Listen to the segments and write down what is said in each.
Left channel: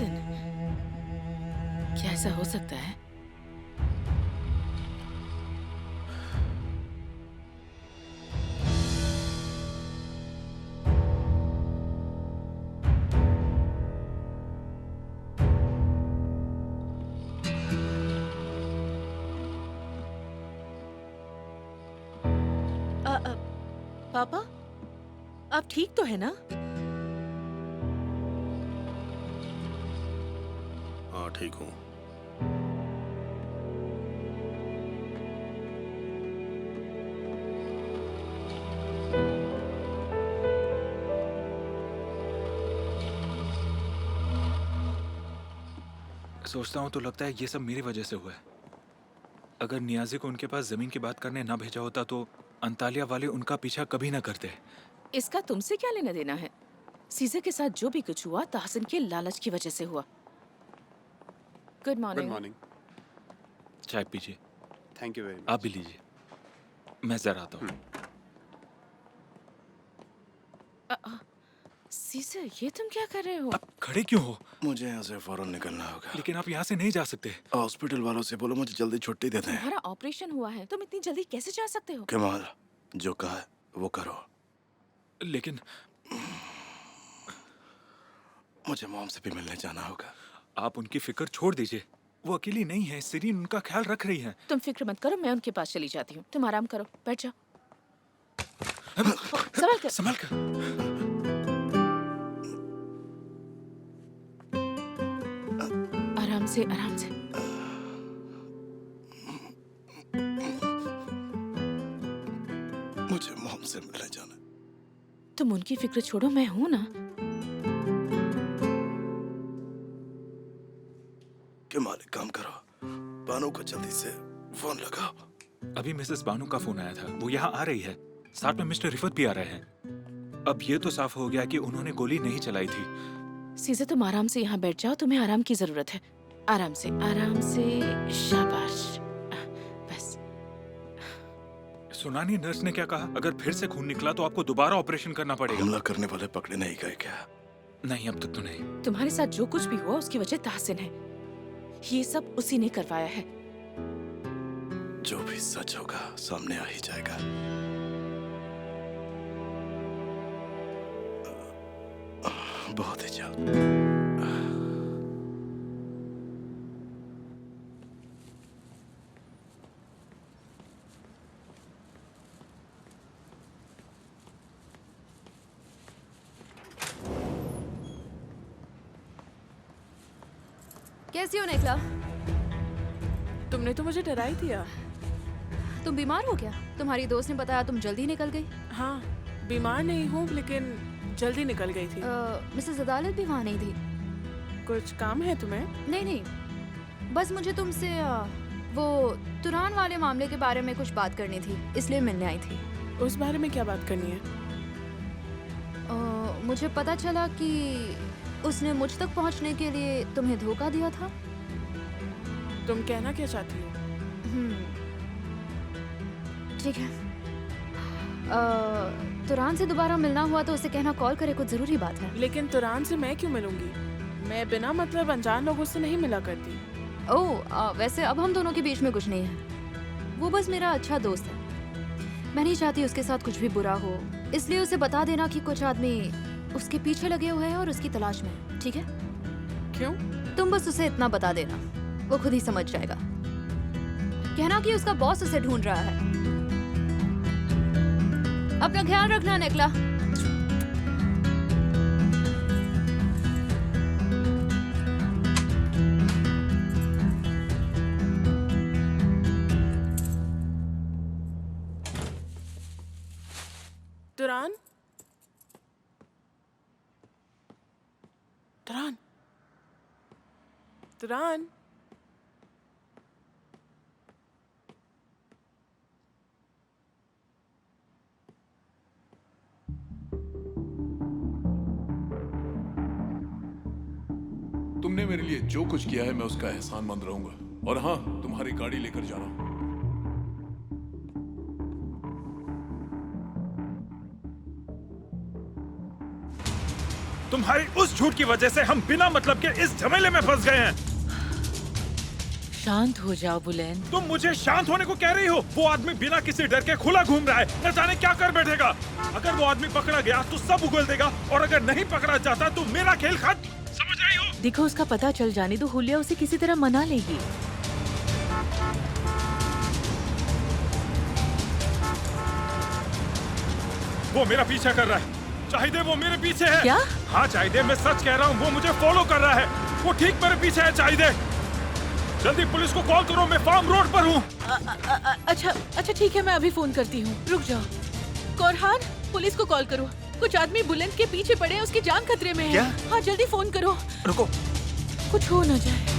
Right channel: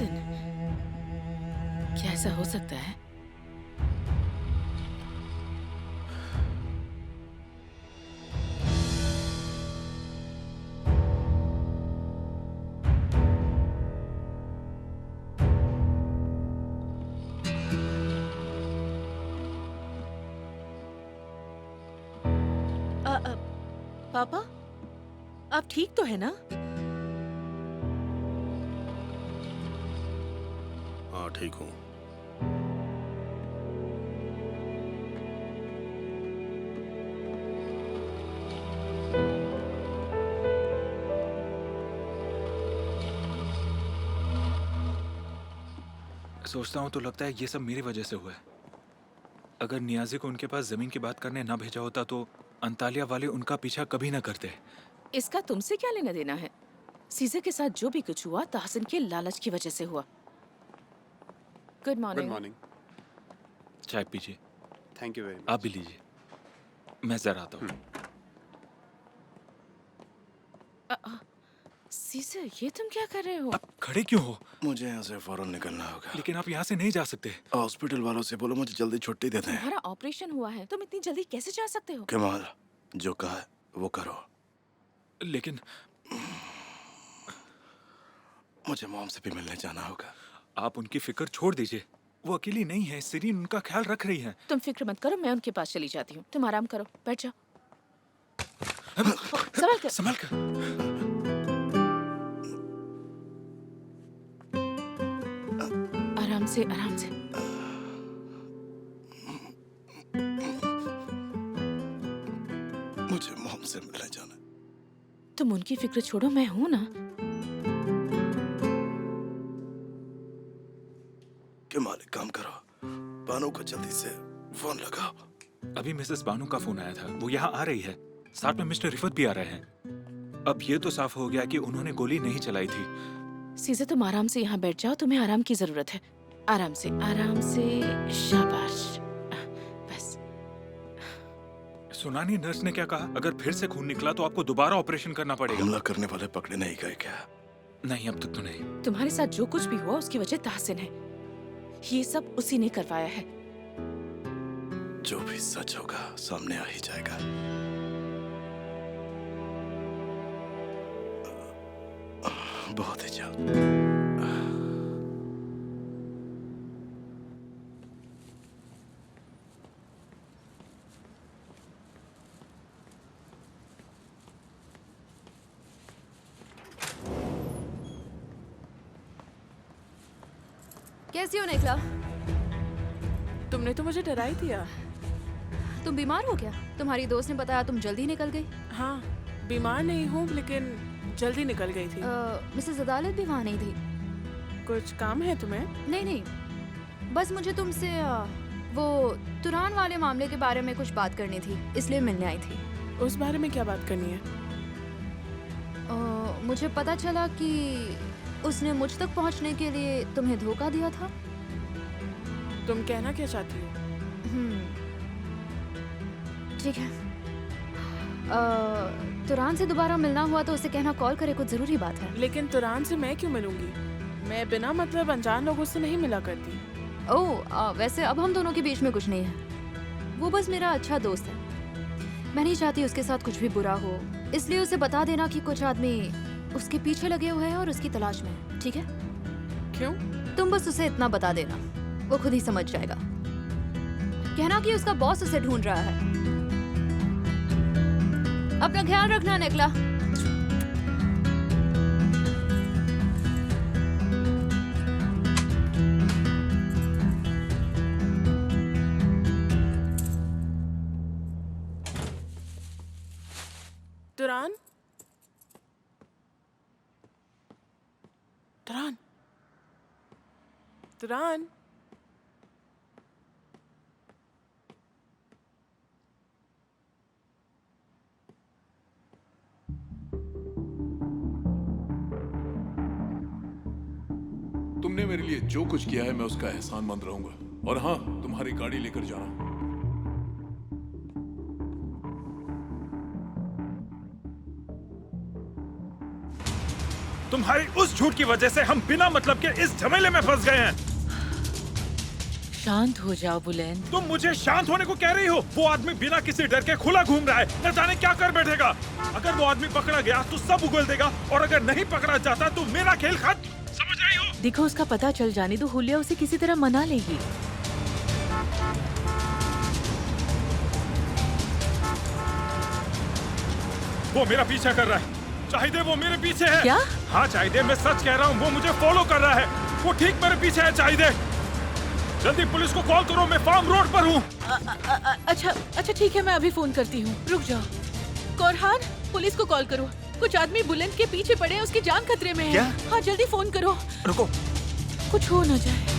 तहसीन, क्या ऐसा हो सकता है? पापा, आप ठीक तो है ना? हाँ, ठीक हूँ। सोचता हूँ तो लगता है ये सब मेरी वजह से हुआ है। अगर नियाजी को उनके पास जमीन की बात करने ना भेजा होता तो अंतालिया वाले उनका पीछा कभी ना करते। इसका तुमसे क्या लेना देना है? सीज़र के साथ जो भी कुछ हुआ तहसीन के लालच की वजह से हुआ। Good good morning. मॉर्निंग। चाय पीजिए। थैंक यू वेरी आप भी मच। लीजिए, मैं जरा आता हूँ। सीज़र, ये तुम क्या कर रहे हो? आप खड़े क्यों हो? मुझे यहाँ से फौरन निकलना होगा। लेकिन आप यहाँ से नहीं जा सकते। हॉस्पिटल वालों से बोलो मुझे जल्दी छुट्टी देते हैं। तुम्हारा ऑपरेशन हुआ है, तुम इतनी जल्दी कैसे जा सकते हो? कमाल, जो कहा है वो करो। लेकिन मुझे मॉम से भी मिलने जाना होगा। आप उनकी फिक्र छोड़ दीजिए, वो अकेली नहीं है। सिरीन उनका ख्याल रख रही है। तुम फिक्र मत करो, मैं उनके पास चली जाती हूँ। तुम आराम करो, बैठ जाओ। संभल कर। संभल कर। आराम से, आराम से। मुझे मॉम से मिलने जाना है। तुम उनकी फिक्र छोड़ो, मैं हूं ना। कमाल, एक काम करो, बानू को जल्दी से फोन लगाओ। अभी मिसेस बानू का फोन आया था, वो यहाँ आ रही है। साथ में मिस्टर रिफत भी आ रहे हैं। अब ये तो साफ हो गया कि उन्होंने गोली नहीं चलाई थी। सीज़र, तुम आराम से यहाँ बैठ जाओ, तुम्हें आराम की जरूरत है। आराम से, आराम से। शाबाश, बस। सुना नहीं नर्स ने क्या कहा? अगर फिर से खून निकला तो आपको दोबारा ऑपरेशन करना पड़ेगा। हमला करने वाले पकड़े नहीं गए क्या? नहीं, अब तक तो नहीं। तुम्हारे साथ जो कुछ भी हुआ उसकी वजह तहसीन है। ये सब उसी ने करवाया है। जो भी सच होगा सामने आ ही जाएगा। बहुत ही जल्द। कैसी हो निकला? तुमने तो मुझे डरा ही दिया। तुम बीमार हो क्या? तुम्हारी दोस्त ने बताया तुम जल्दी निकल गई। हाँ, बीमार नहीं हूँ लेकिन जल्दी निकल गई थी। मिसेस अदालत भी वहाँ नहीं थी। कुछ काम है तुम्हें? नहीं नहीं, बस मुझे तुमसे वो तुरान वाले मामले के बारे में कुछ बात करनी थी, इसलिए मिलने आई थी। उस बारे में क्या बात करनी है? मुझे पता चला कि उसने मुझ तक पहुँचने के लिए तुम्हें धोखा दिया था। तुम कहना क्या चाहती हो? ठीक है। तुरान से दोबारा मिलना हुआ तो उसे कहना कॉल करे, कुछ जरूरी बात है। लेकिन तुरान से मैं क्यों मिलूंगी? मैं बिना मतलब अनजान लोगों से नहीं मिला करती। ओह, वैसे अब हम दोनों के बीच में कुछ नहीं है। वो बस मेरा अच्छा दोस्त है। मैं नहीं चाहती उसके साथ कुछ भी बुरा हो, इसलिए उसे बता देना कि कुछ आदमी उसके पीछे लगे हुए हैं और उसकी तलाश में है। ठीक है? क्यों? तुम बस उसे इतना बता देना, वो खुद ही समझ जाएगा। कहना कि उसका बॉस उसे ढूंढ रहा है। अपना ख्याल रखना निकला। तुरान? तुरान? तुरान? तुमने मेरे लिए जो कुछ किया है मैं उसका एहसानमंद रहूंगा। और हाँ, तुम्हारी गाड़ी लेकर जाना। तुम्हारी उस झूठ की वजह से हम बिना मतलब के इस झमेले में फंस गए हैं। शांत हो जाओ बुलंद। तुम मुझे शांत होने को कह रही हो? वो आदमी बिना किसी डर के खुला घूम रहा है, न जाने क्या कर बैठेगा। अगर वो आदमी पकड़ा गया तो सब उगल देगा, और अगर नहीं पकड़ा जाता तो मेरा खेल खत्म। समझ रही हो? देखो, उसका पता चल जाने दो, हुलिया उसे किसी तरह मना लेगी। वो मेरा पीछा कर रहा है। चाहिए वो मेरे पीछे है। क्या? हाँ चाहिए, मैं सच कह रहा हूँ, वो मुझे फॉलो कर रहा है। वो ठीक मेरे पीछे है। चाहिए जल्दी पुलिस को कॉल करो, मैं फार्म रोड पर हूँ। अच्छा ठीक है, मैं अभी फोन करती हूँ। रुक जाओ। कोरहान, पुलिस को कॉल करो। कुछ आदमी बुलंद के पीछे पड़े हैं, उसकी जान खतरे में है। क्या? हाँ जल्दी फोन करो। रुको, कुछ हो न जाए।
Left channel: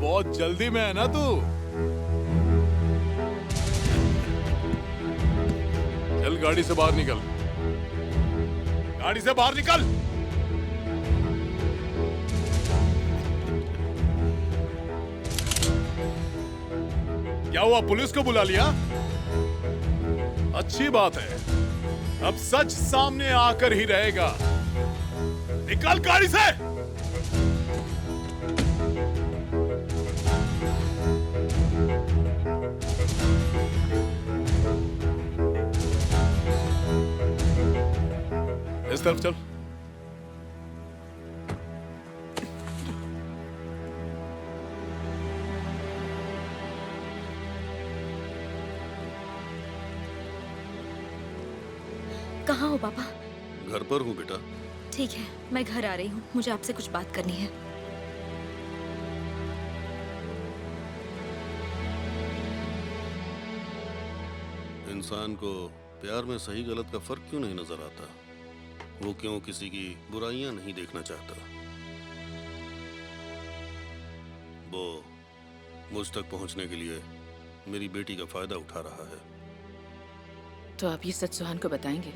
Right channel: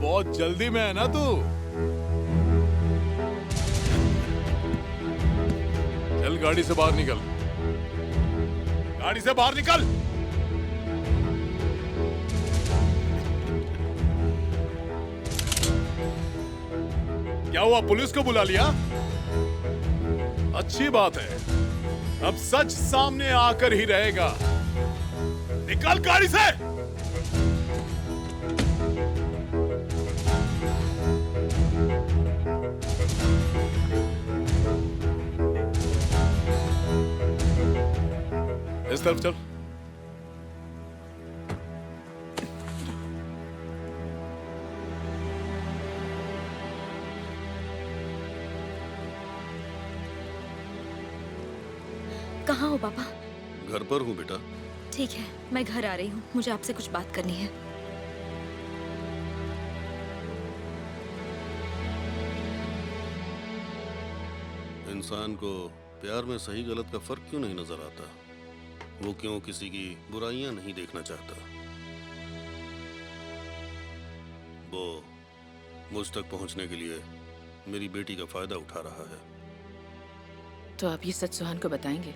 बहुत जल्दी में है ना तू? चल गाड़ी से बाहर निकल। गाड़ी से बाहर निकल। क्या हुआ, पुलिस को बुला लिया? अच्छी बात है, अब सच सामने आकर ही रहेगा। निकल गाड़ी से। इस तरफ चल। कहाँ हो पापा? घर पर हूँ बेटा। ठीक है, मैं घर आ रही हूँ, मुझे आपसे कुछ बात करनी है। इंसान को प्यार में सही गलत का फर्क क्यों नहीं नजर आता? वो क्यों किसी की बुराइयां नहीं देखना चाहता? वो मुझ तक पहुंचने के लिए मेरी बेटी का फायदा उठा रहा है। तो आप ये सच सुहान को बताएंगे?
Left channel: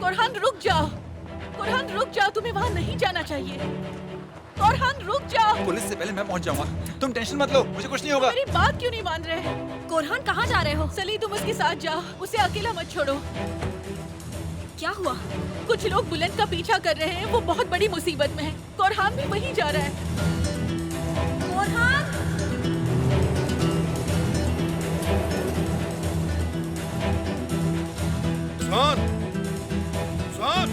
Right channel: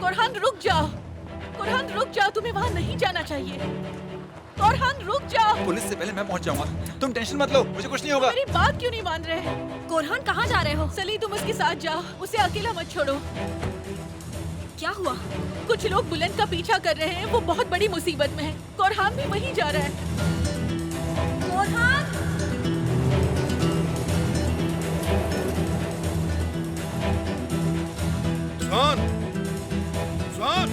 कोरहान रुक जाओ। कोरहान रुक जाओ, तुम्हें वहाँ नहीं जाना चाहिए। कोरहान रुक जाओ। पुलिस से पहले मैं पहुंच जाऊंगा। तुम टेंशन मत लो, मुझे कुछ नहीं होगा। मेरी बात क्यों नहीं मान रहे? कोरहान कहाँ जा रहे हो? सली, तुम उसके साथ जाओ, उसे अकेला मत छोड़ो। क्या हुआ? कुछ लोग बुलंद का पीछा कर रहे हैं, वो बहुत बड़ी मुसीबत में है। कोरहान भी वहीं जा रहा है। कोरहान! सुहान! सुहान!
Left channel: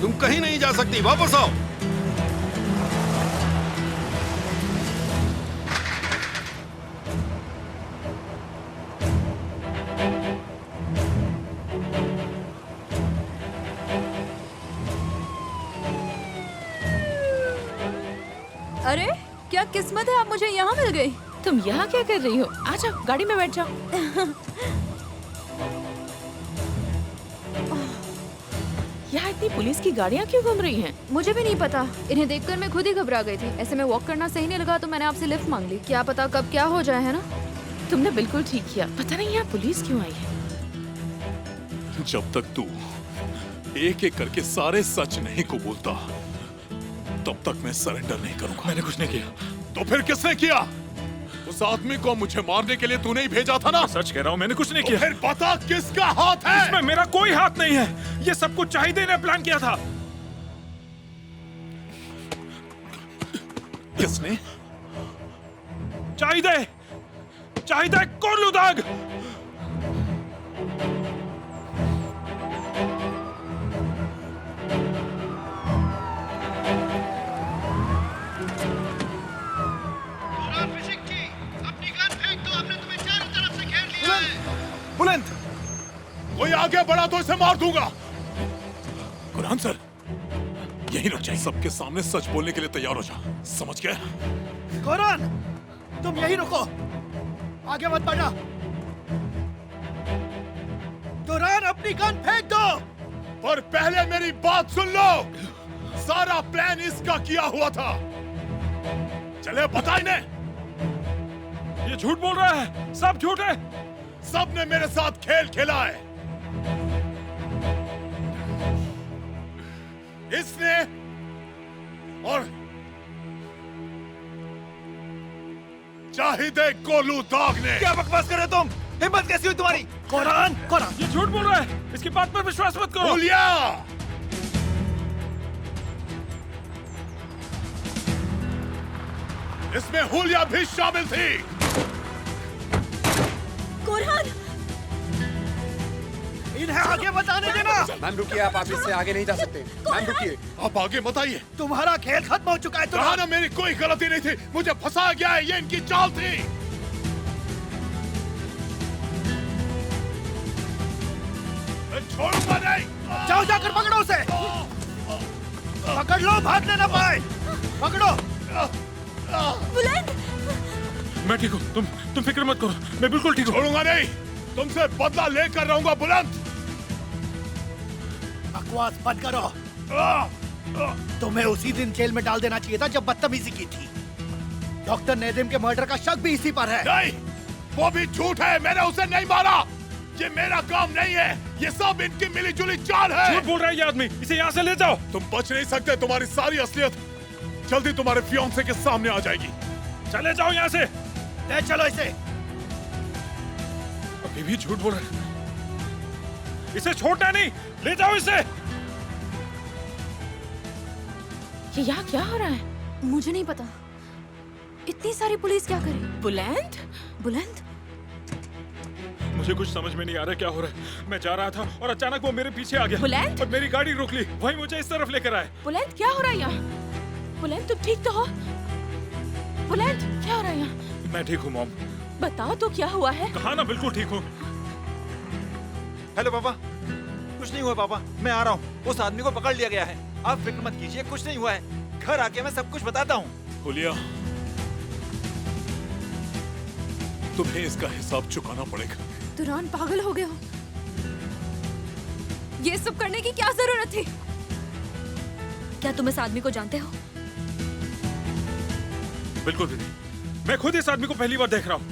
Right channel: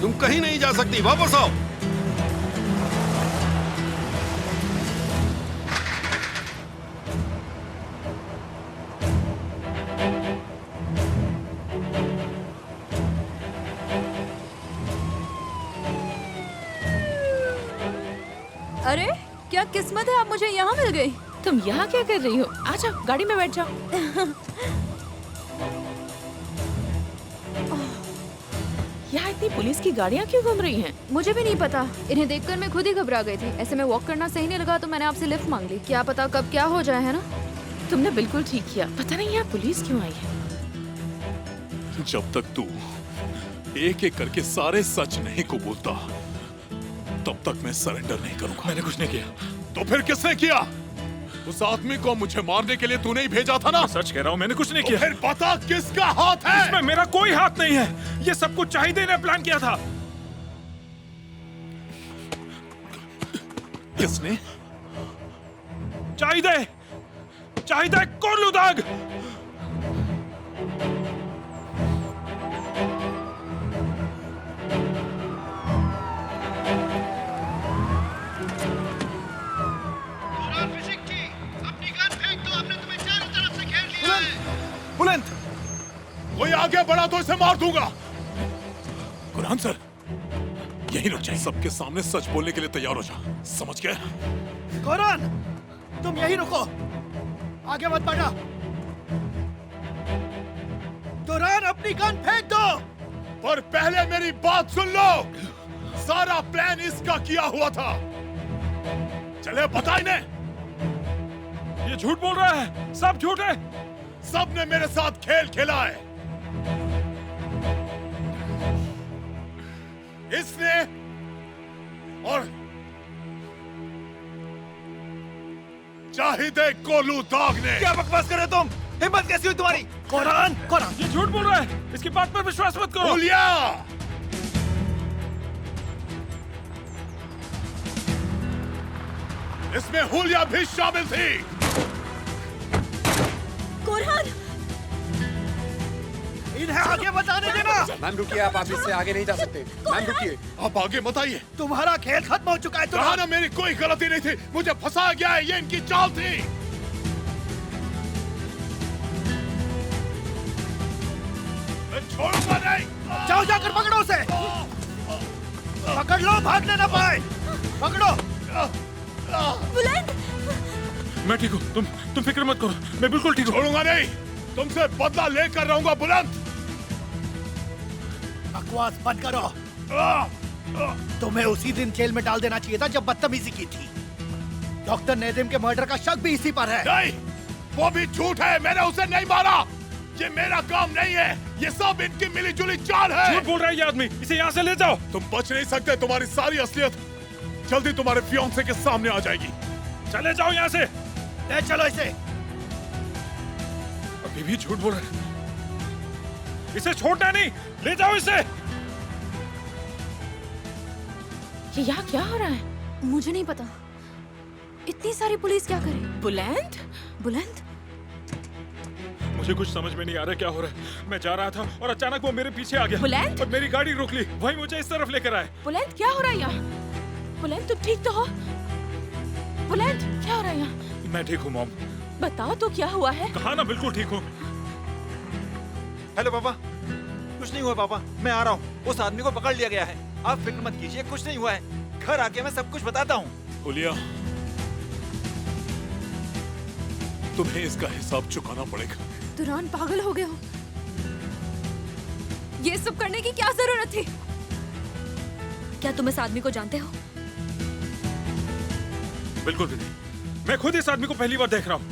तुम कहीं नहीं जा सकती, वापस आओ। अरे क्या किस्मत है, आप मुझे यहाँ मिल गई। तुम यहाँ क्या कर रही हो? आ जाओ, गाड़ी में बैठ जाओ। यहाँ इतनी पुलिस की गाड़ियाँ क्यों घूम रही हैं? मुझे भी नहीं पता, इन्हें देखकर मैं खुद ही घबरा गई थी। ऐसे में वॉक करना सही नहीं लगा तो मैंने आपसे लिफ्ट मांग ली। क्या पता कब क्या हो जाए, है ना? तुमने बिल्कुल ठीक किया। पता नहीं यहाँ पुलिस क्यों आई है। जब तक तू एक एक करके सारे सच नहीं कबूलता, तब तक मैं सरेंडर नहीं करूंगा। मैंने कुछ नहीं किया। तो फिर किसने किया? उस आदमी को मुझे मारने के लिए तूने ही भेजा था ना? मैं सच कह रहा हूँ, मैंने कुछ नहीं तो किया। फिर बता किसका हाथ है? इसमें मेरा कोई हाथ नहीं है। ये सब कुछ चाहिए ने प्लान किया था। किसने? चाहिए कोलूदाग। बुलंद, कोई आगे बढ़ा तो इसे मार दूंगा। कुरान सर, यही रुक जाइए। सबके सामने सच बोलने के लिए तैयार हो जा, समझ गए? कोरान, तुम यही रुको, आगे मत बढ़ना। तुरान, अपनी गन फेंक दो। पर पहले मेरी बात सुन लो। सारा प्लान इसका किया हुआ था। चले बता इन्हें। ये झूठ बोल रहा है, सब झूठ है। सबने मेरे साथ खेल खेला है। इसने और चाहिए कोलूदाग ने। क्या बकवास कर रहे हो तुम? हिम्मत कैसी हुई तुम्हारी? कोरान, कोरान, ये झूठ बोल रहा है, इसकी बात पर विश्वास मत करो। हुलिया, इसमें हुलिया भी शामिल थी। कोरहान, इन्हें आगे बताने देना। मैम रुकिए, आप इससे आगे नहीं जा सकते। मैम रुकिए। आप आगे मत आइए। तुम्हारा खेल खत्म हो चुका है। कहा ना मेरी कोई गलती नहीं थी, मुझे फंसाया गया है, ये इनकी चाल थी। मैं छोड़ूंगा नहीं। जाओ, जाकर पकड़ो उसे। पकड़ लो, भागने ना पाए। पकड़ो। बुलंद, मैं ठीक हूँ, तुम फिक्र मत करो, मैं बिल्कुल ठीक हूँ। छोड़ूंगा नहीं, तुमसे बदला लेकर रहूंगा। बुलंद, बकवास बंद करो। तुम्हें उसी दिन जेल में डाल देना चाहिए था जब बदतमीजी की थी। डॉक्टर नेदिम के मर्डर का शक भी इसी पर है। नहीं, वो भी झूठ है। मैंने उसे नहीं मारा। ये मेरा काम नहीं है, ये सब इनकी मिलीजुली चाल है। झूठ बोल रहा है ये आदमी, इसे यहाँ से ले जाओ। तुम बच नहीं सकते। तुम्हारी सारी असलियत जल्दी तुम्हारे फियांसे के सामने आ जाएगी। चले जाओ यहाँ से। ले चलो इसे। अभी भी झूठ बोल रहा है, इसे छोड़ना नहीं, ले जाओ इसे। ये यहाँ क्या हो रहा है? मुझे नहीं पता, इतनी सारी पुलिस क्या करे? बुलंद, बुलंद, मुझे कुछ समझ में नहीं आ रहा क्या हो रहा है। मैं जा रहा था और अचानक वो मेरे पीछे आ गया बुलंद? और मेरी गाड़ी रोक ली, वही मुझे इस तरफ लेकर आए। बुलंद क्या हो रहा है यहाँ? बुलंद तुम ठीक तो हो? बुलंद क्या हो रहा है यहाँ? मैं ठीक हूँ मॉम। बताओ तो क्या हुआ है? कहा ना बिल्कुल ठीक हूँ। हेलो पापा। कुछ नहीं हुआ पापा, मैं आ रहा हूँ। उस आदमी को पकड़ लिया गया है, आप फिक्र मत कीजिए, कुछ नहीं हुआ है। घर आके मैं सब कुछ बताता हूँ। हुलिया, तुम्हें इसका हिसाब चुकाना पड़ेगा। तुरान पागल हो गए हो? ये सब करने की क्या जरूरत थी? क्या तुम इस आदमी को जानते हो? बिल्कुल भी नहीं, मैं खुद इस आदमी को पहली बार देख रहा हूँ।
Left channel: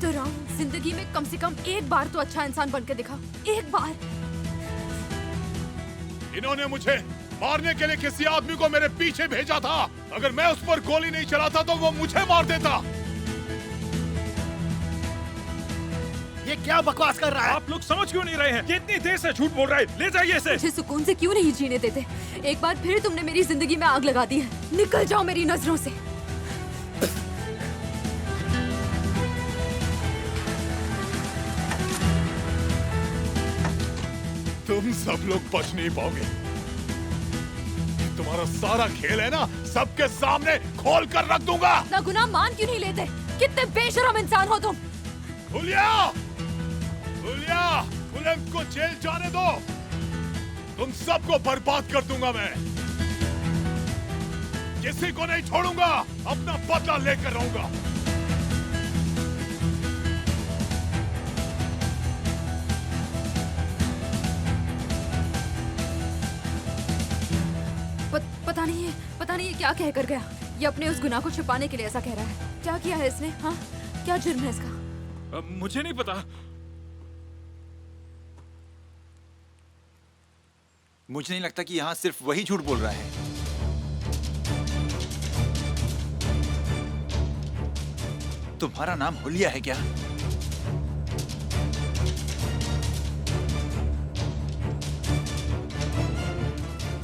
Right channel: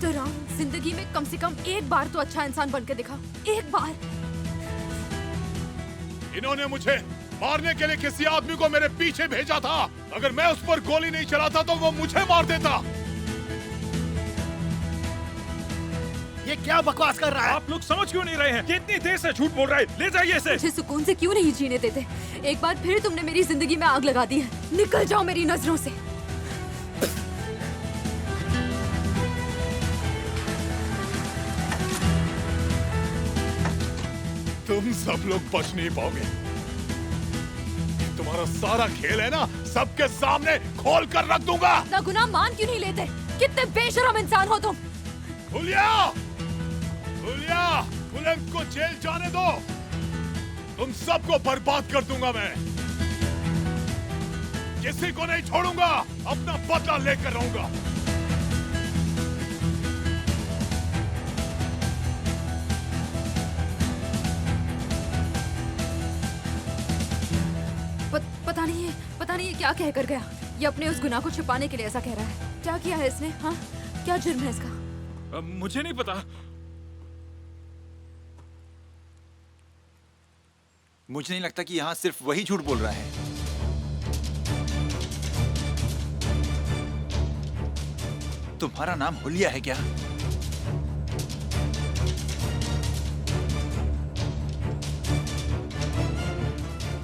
तुरान, जिंदगी में कम से कम एक बार तो अच्छा इंसान बन के दिखा, एक बार। इन्होंने मुझे मारने के लिए किसी आदमी को मेरे पीछे भेजा था। अगर मैं उस पर गोली नहीं चलाता तो वो मुझे मार देता। ये क्या बकवास कर रहा है? आप लोग समझ क्यों नहीं रहे हैं? ये इतनी देर से झूठ बोल रहा है, ले जाइए इसे। मुझे सुकून से क्यों नहीं जीने देते? एक बार फिर तुमने मेरी जिंदगी में आग लगा दी है, निकल जाओ मेरी नजरों से। तुम सब लोग बच नहीं पाओगे। ये तुम्हारा सारा खेल है ना, सबके सामने खोल कर रख दूंगा। अपना गुनाह मान क्यों नहीं लेते? कितने बेशरम इंसान हो तुम। हुलिया, हुलिया, बुलंद को जेल जाने दो। तुम सबको बर्बाद कर दूंगा मैं। किसी को नहीं छोड़ूंगा, अपना बदला लेकर रहूंगा। पता नहीं ये क्या कह कर गया। ये अपने उस गुनाह को छुपाने के लिए ऐसा कह रहा है। क्या किया है इसने? हाँ, क्या जुर्म है इसका? मुझे नहीं पता। मुझे नहीं लगता कि यहाँ सिर्फ वही झूठ बोल रहा है। तुम्हारा नाम हुलिया है क्या?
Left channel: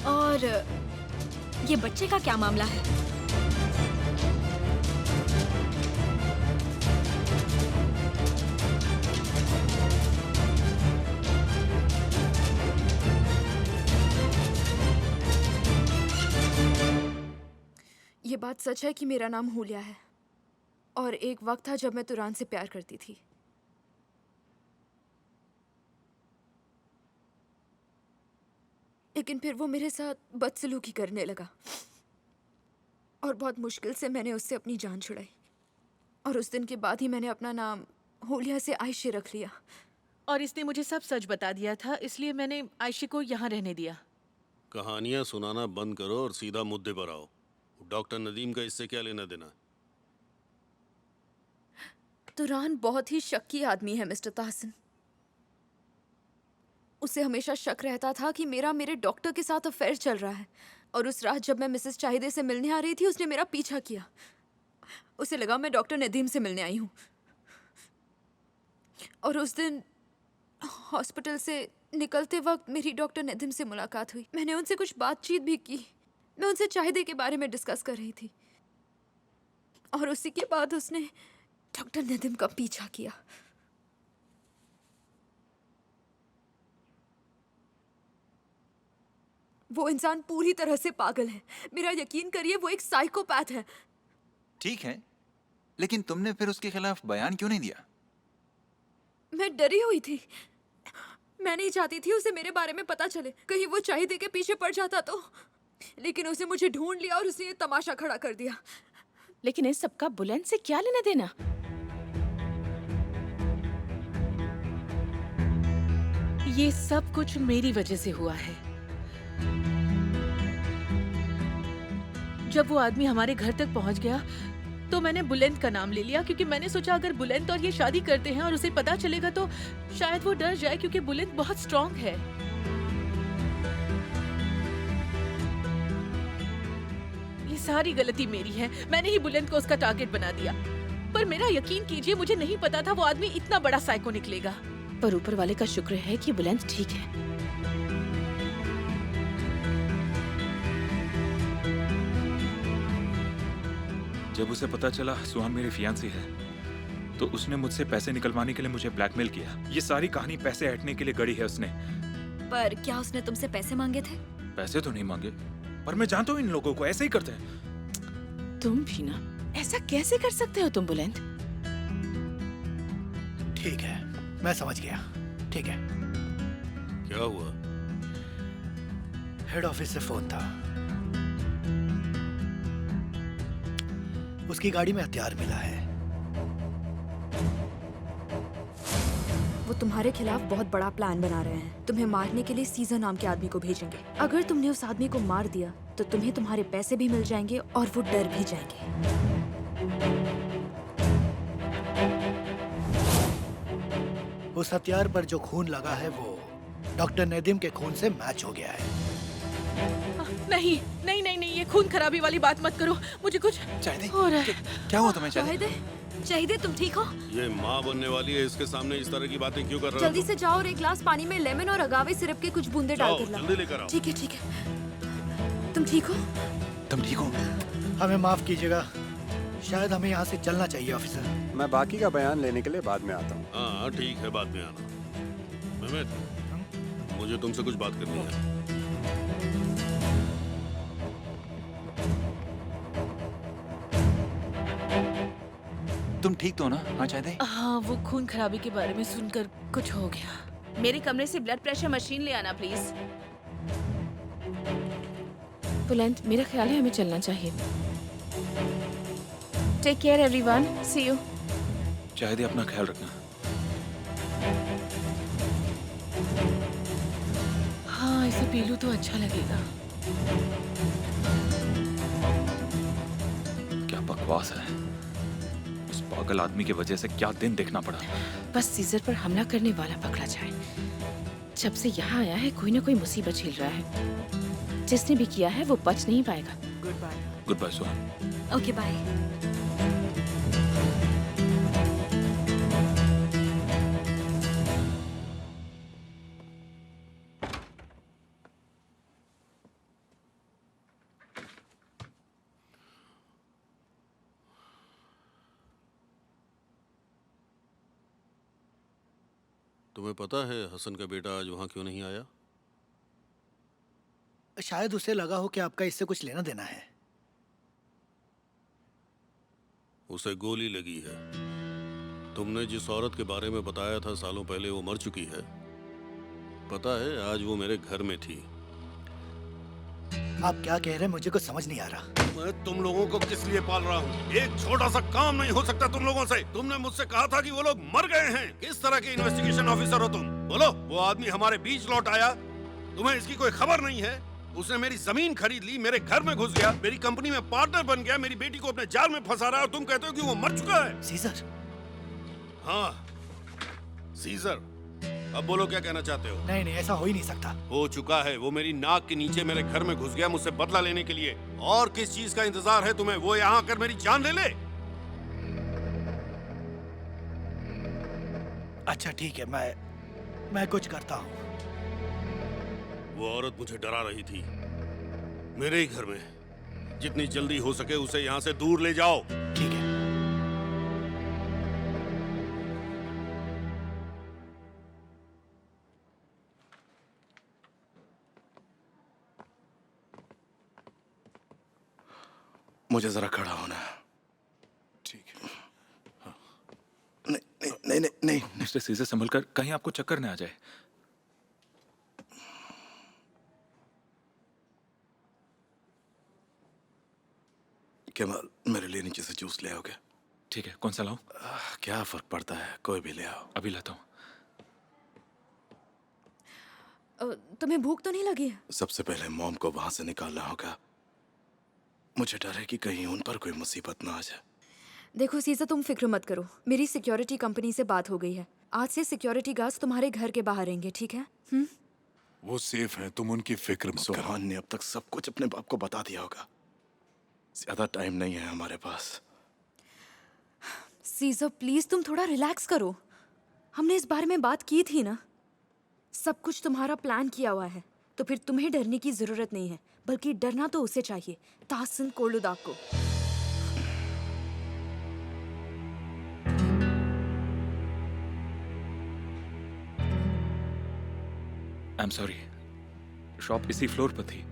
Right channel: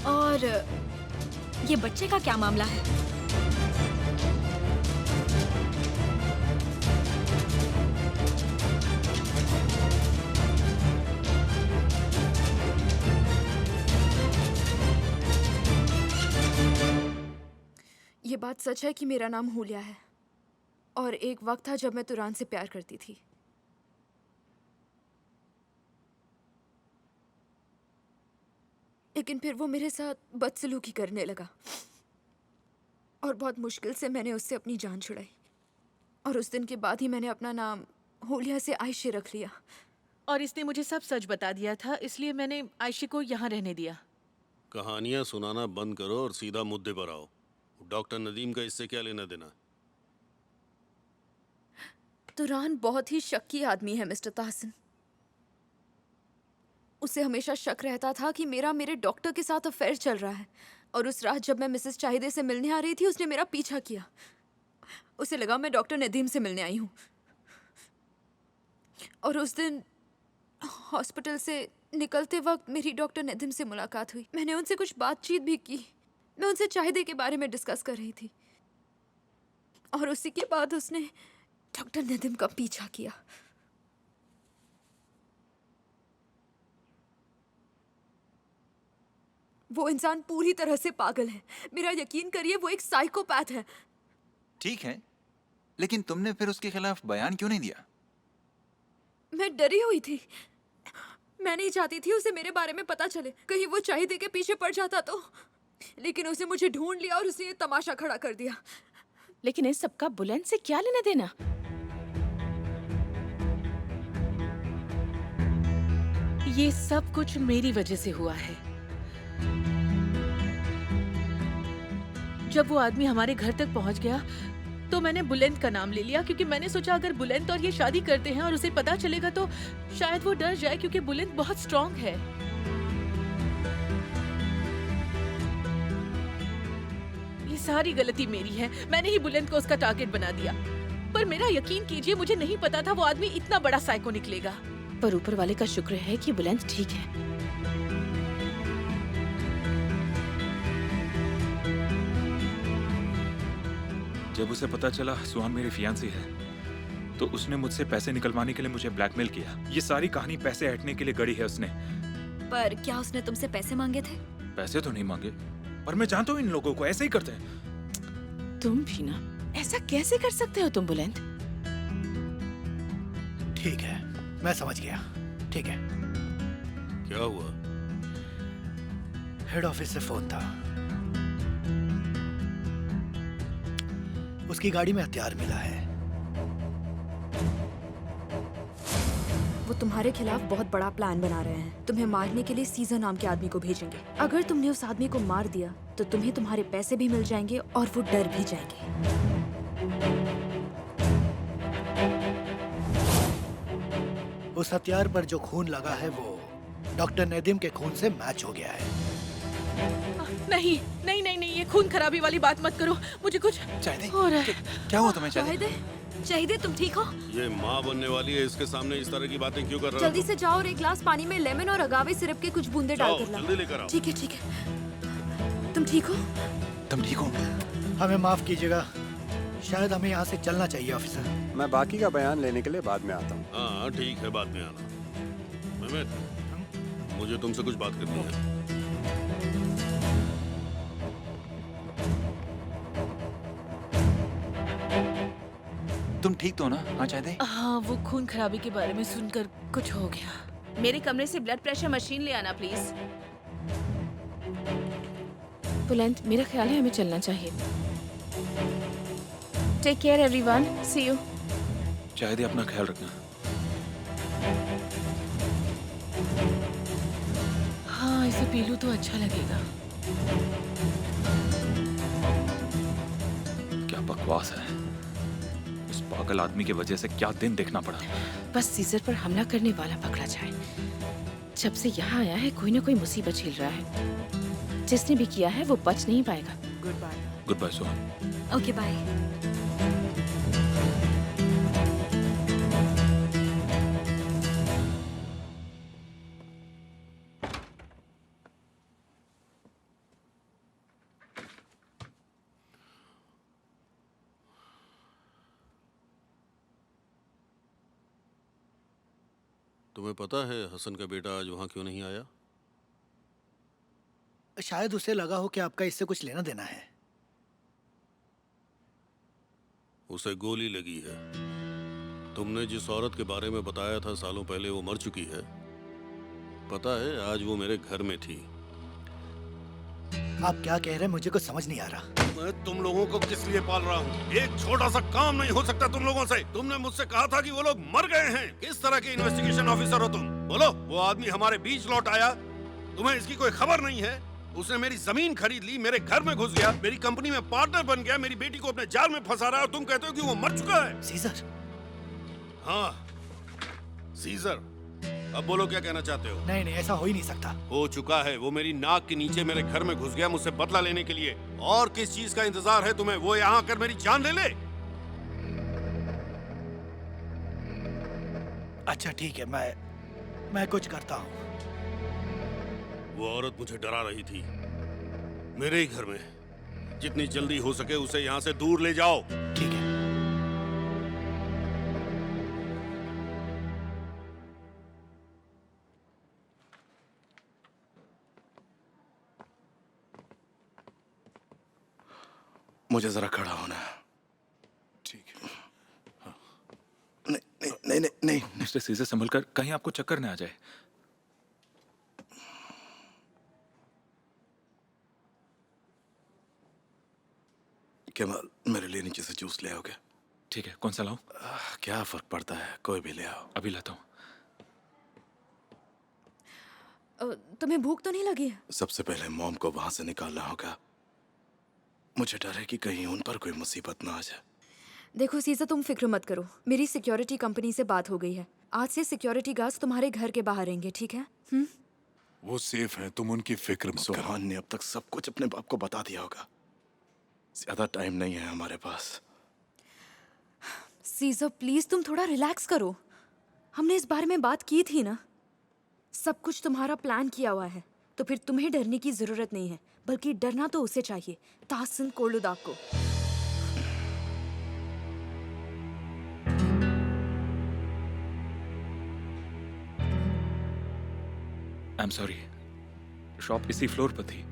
और ये बच्चे का क्या मामला है? ये बात सच है कि मेरा नाम हुलिया है और एक वक्त था जब मैं तुरान से प्यार करती थी। लेकिन फिर वो मेरे साथ बदसलूकी करने लगा और बहुत मुश्किल से मैंने उससे अपनी जान छुड़ाई। और उस दिन के बाद ही मैंने अपना नाम हुलिया से आयशे रख लिया। और इसने मुझे सब सच बता दिया था, इसलिए मैंने आयशे को यहाँ रहने दिया। कहानियां सुनाना बंद करो और सीधा मुद्दे पर आओ। डॉक्टर नदीम का इससे क्या लेना देना? तुरान बहुत ही शक्की आदमी है मिस्टर ताहसिन। उसे हमेशा शक रहता था कि मेरे डॉक्टर के साथ अफेयर चल रहा है। और उस रात जब मैं मिसेस चाहिदे से मिलने आ रही थी, उसने मेरा पीछा किया। उसे लगा मैं डॉक्टर नदीम से मिलने आई हूँ। और उस दिन हॉस्पिटल से निकलते वक्त मेरी डॉक्टर नदीम से मुलाकात हुई। मैंने उनसे कुछ बातचीत भी की। मैं उनसे चाहिदे के बारे में डिस्कस कर रही थी और उसी के बाद उसने डॉक्टर नदीम का पीछा किया। वो इंसान पूरी तरह से पागल है। मेरा यकीन करिए, वो एक साइकोपैथ है। ठीक है, लेकिन तुमने फिर उसके खिलाफ बयान क्यों नहीं दिया? मैं डरी हुई थी। मैं नहीं चाहती थी उसे मेरे बारे में पता चले, कहीं वो चाहिदे के पीछे पड़ जाता तो। लेकिन उसने मुझे ढूंढ लिया और उसने ये तमाशा खड़ा कर दिया। लेकिन इस सबका बुलंद से क्या लेना देना? ये सब कुछ मेरी वजह से हुआ है। जब वो आदमी हमारे घर तक पहुंच गया तो मैंने बुलंद का नाम ले लिया, क्योंकि मैंने सोचा अगर बुलंद और ये शादी करते हैं और उसे पता चलेगा तो शायद वो डर जाए, क्योंकि बुलंद बहुत स्ट्रांग है। ये सारी गलती मेरी है। मैंने ही बुलंद को उसका टारगेट बना दिया। पर मेरा यकीन कीजिए, मुझे नहीं पता था वो आदमी इतना बड़ा साइको निकलेगा। पर ऊपर वाले का शुक्र है कि बुलंद ठीक है। जब उसे पता चला सुहान मेरी फियांसी है तो उसने मुझसे पैसे निकलवाने के लिए मुझे ब्लैकमेल किया। ये सारी कहानी पैसे हटने के लिए गढ़ी है उसने। पर क्या उसने तुमसे पैसे मांगे थे? पैसे तो नहीं मांगे, पर मैं जानता हूँ इन लोगों को, ऐसे ही करते हैं। तुम भी ना, ऐसा कैसे कर सकते हो तुम बुलंद? ठीक है, मैं समझ गया। ठीक है। क्या हुआ? हेड ऑफिस से फोन था। उसकी गाड़ी में हथियार मिला है। वो तुम्हारे खिलाफ बहुत बड़ा प्लान बना रहे हैं। तुम्हें मारने के लिए सीजर नाम के आदमी को भेजेंगे। अगर तुमने उस आदमी को मार दिया तो तुम्हें तुम्हारे पैसे भी मिल जाएंगे और वो डर भी जाएंगे। उस हथियार पर जो खून लगा है वो डॉक्टर नदीम के खून से मैच हो गया है। नहीं नहीं नहीं नहीं, ये खून खराबी वाली बात मत करो। मुझे कुछ चाहिदे, हो रहा है। क्या हुआ तुम्हें? चाहिदे, चाहिदे तुम ठीक हो? ये माँ बनने वाली है, इसके सामने इस तरह की बातें क्यों कर रहे हो? जल्दी से जाओ और एक गिलास पानी में लेमन और अगावे सिरप के कुछ बूंदे जाओ, डालकर लाओ। जल्दी लेकर आओ। ठीक है ठीक है। तुम ठीक हो? तुम ठीक हो? हमें माफ कीजिएगा, शायद हमें यहाँ से चलना चाहिए ऑफिसर। मैं बाकी का बयान लेने के लिए बाद में आता हूँ। हाँ ठीक है, बाद में आना। मेहमेद, मुझे तुमसे कुछ बात करनी है। तुम ठीक तो हो ना? हाँ चाहिदे? हाँ, वो खून खराबी के बारे में सुनकर कुछ हो गया। मेरे कमरे से ब्लड प्रेशर मशीन ले आना प्लीज। बुलंद, मेरा ख्याल है हमें चलना चाहिए। Take care everyone, see you. चाहिए अपना ख्याल रखना। हाँ, इसे पी लूं तो अच्छा लगेगा। क्या बकवास है। उस पागल आदमी की वजह से क्या दिन देखना पड़ा। बस सीजर पर हमला करने वाला पकड़ा जाए। जब से यहाँ आया है कोई ना कोई मुसीबत झेल रहा है। जिसने भी किया है वो बच नहीं पाएगा। Goodbye. Goodbye Suhan. Okay bye. तुम्हें पता है हसन का बेटा आज वहां क्यों नहीं आया? शायद उसे लगा हो कि आपका इससे कुछ लेना देना है। उसे गोली लगी है। तुमने जिस औरत के बारे में बताया था सालों पहले वो मर चुकी है। पता है आज वो मेरे घर में थी। आप क्या कह रहे हैं मुझे कुछ समझ नहीं आ रहा। मैं तुम लोगों को किस लिए पाल रहा हूँ? एक छोटा सा काम नहीं हो सकता तुम लोगों से। तुमने मुझसे कहा था कि वो लोग मर गए हैं। किस तरह के इन्वेस्टिगेशन ऑफिसर हो तुम? बोलो। वो आदमी हमारे बीच लौट आया, तुम्हें इसकी कोई खबर नहीं है? उसने मेरी जमीन खरीद ली, मेरे घर में घुस गया, मेरी कंपनी में पार्टनर बन गया, मेरी बेटी को अपने जाल में फंसा रहा है और तुम कहते हो कि वो मर चुका है। सीजर। हाँ सीजर। अब बोलो क्या कहना चाहते हो? नहीं नहीं, ऐसा हो ही नहीं सकता। हो चुका है। वो मेरी नाक के नीचे मेरे घर में घुस गया मुझसे बदला लेने के लिए। और किस चीज का इंतजार है तुम्हें? वो यहाँ आकर मेरी जान ले ले। अच्छा ठीक है, मैं कुछ करता हूँ। वो औरत मुझे डरा रही थी मेरे ही घर में। जितनी जल्दी हो सके उसे यहाँ से दूर ले जाओ। ठीक है। मुझे जरा खड़ा होना है। ठीक है। हाँ। नहीं नहीं नहीं नहीं, नहीं। मिस्टर सीजर संभल कर, कहीं आपको चक्कर न आ जाए। केवल मेरे लिए नीचे से जूस ले आओगे? ठीक है, कौन सा लाऊं? क्या फर्क पड़ता है, कोई भी ले आओ। अभी लाता हूँ। तुम्हें भूख तो नहीं लगी है? सबसे पहले मॉम को वहां से निकालना होगा। मुझे डर है कि कहीं उन पर कोई मुसीबत ना आ जाए। देखो सीजा, तुम फिक्र मत करो। मेरी सिक्योरिटी कंपनी से बात हो गई है। आज से सिक्योरिटी गार्ड्स तुम्हारे घर के बाहर रहेंगे, ठीक है? वो सेफ हैं, तुम उनकी फिक्र मत करो। सुहान ने अब तक सब कुछ अपने बाप को बता दिया होगा। ज्यादा टाइम नहीं है हमारे पास। सीजा प्लीज तुम थोड़ा रिलैक्स करो। हमने इस बारे में बात की थी ना। सब कुछ तुम्हारा प्लान किया हुआ है, तो फिर तुम्हें डरने की जरूरत नहीं है, बल्कि डरना तो उसे चाहिए, ताहसन कोलुदाग को। आई एम सॉरी, शॉप इसी फ्लोर पर थी,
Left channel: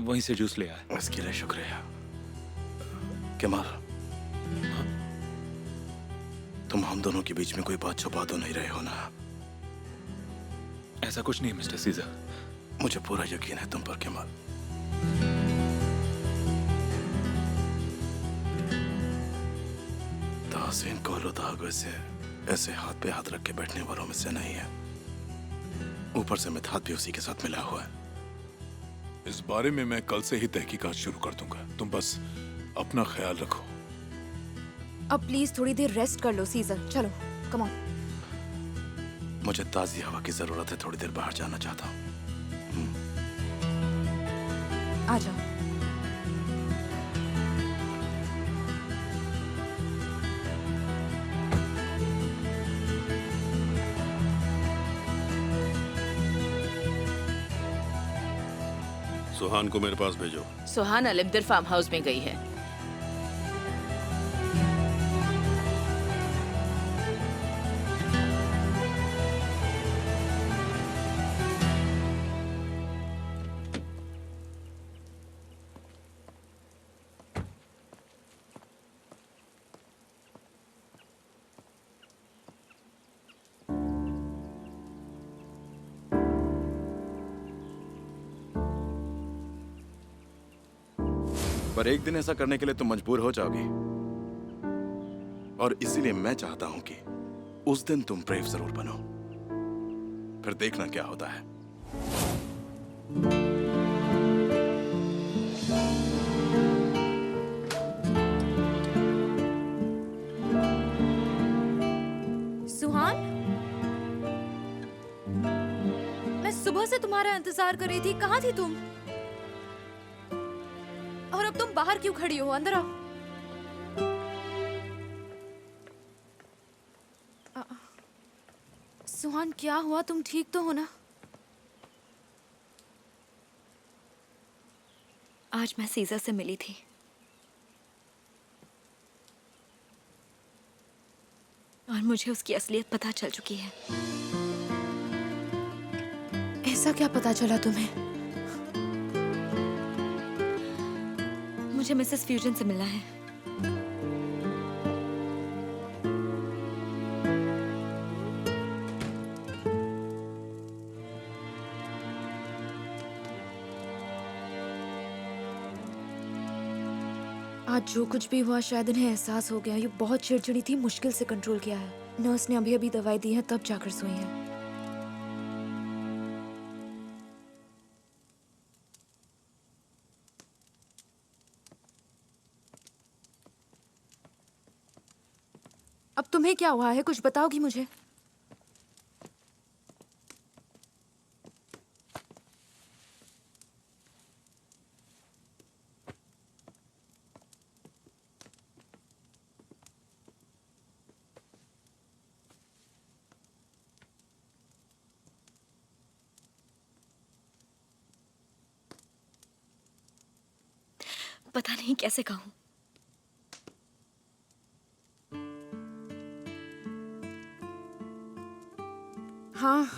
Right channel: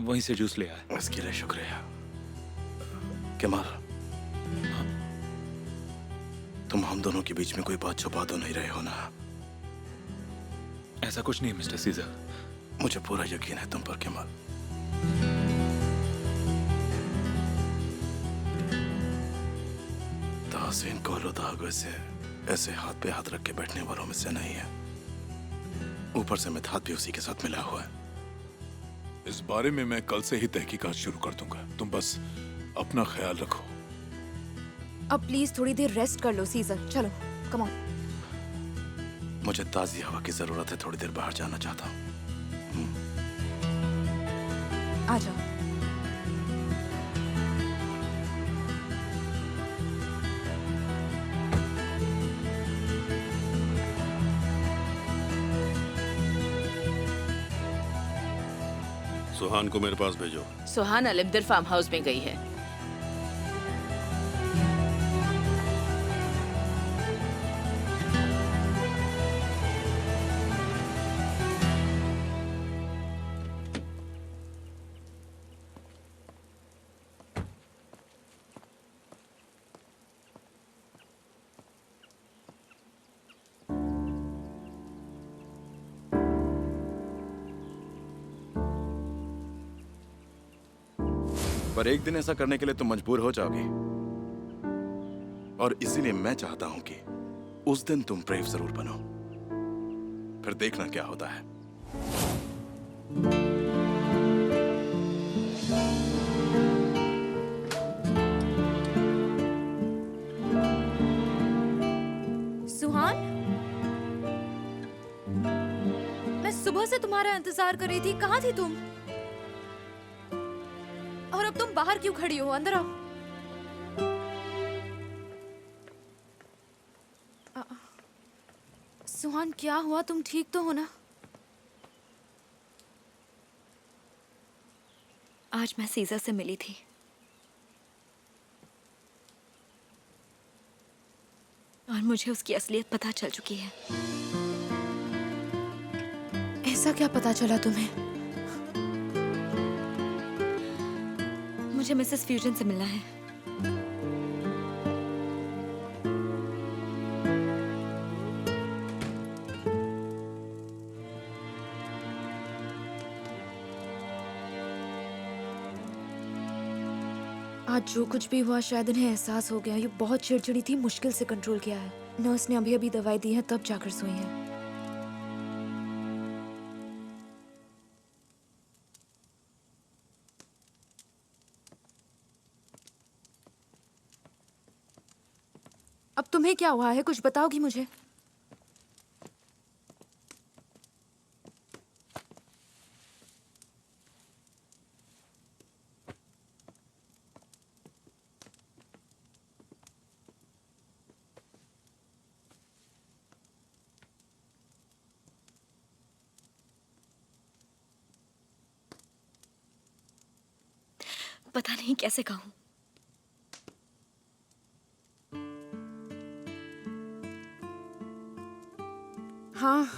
वहीं से जूस ले आया। इसके लिए शुक्रिया। कमाल, हाँ? तुम हम दोनों के बीच में कोई बात छुपा तो नहीं रहे हो ना? ऐसा कुछ नहीं मिस्टर सीजर। मुझे पूरा यकीन है तुम पर कमाल। ताहसीन कोलुदाग ऐसे हाथ पे हाथ रख के बैठने वालों में से नहीं है। ऊपर से मिथात भी उसी के साथ मिला हुआ है। इस बारे में मैं कल से ही तहकीकात शुरू कर दूंगा। तुम बस अपना ख्याल रखो। अब प्लीज थोड़ी देर रेस्ट कर लो सीजर। चलो कम ऑन। मुझे ताजी हवा की जरूरत है, थोड़ी देर बाहर जाना चाहता हूँ। आ जाओ। सुहान को मेरे पास भेजो। सुहान अलमदर फार्म हाउस में गई है। पर एक दिन ऐसा करने के लिए तुम मजबूर हो जाओगी, और इसीलिए मैं चाहता हूं कि उस दिन तुम ब्रेव जरूर बनो। फिर देखना क्या होता है। सुहान, मैं सुबह से तुम्हारा इंतजार कर रही थी, कहाँ थी तुम? और अब तुम बाहर क्यों खड़ी हो? अंदर आओ। सुहान, क्या हुआ? तुम ठीक तो हो ना? आज मैं सीज़र से मिली थी। और मुझे उसकी असलियत पता चल चुकी है। ऐसा क्या पता चला तुम्हें? मुझे मिसेस फ्यूजन से मिलना है। आज जो कुछ भी हुआ शायद इन्हें एहसास हो गया। ये बहुत चिड़चिड़ी थी, मुश्किल से कंट्रोल किया है। नर्स ने अभी अभी दवाई दी है, तब जाकर सोई है। अब तुम्हें क्या हुआ है? कुछ बताओगी मुझे? पता नहीं कैसे कहूँ। हाँ,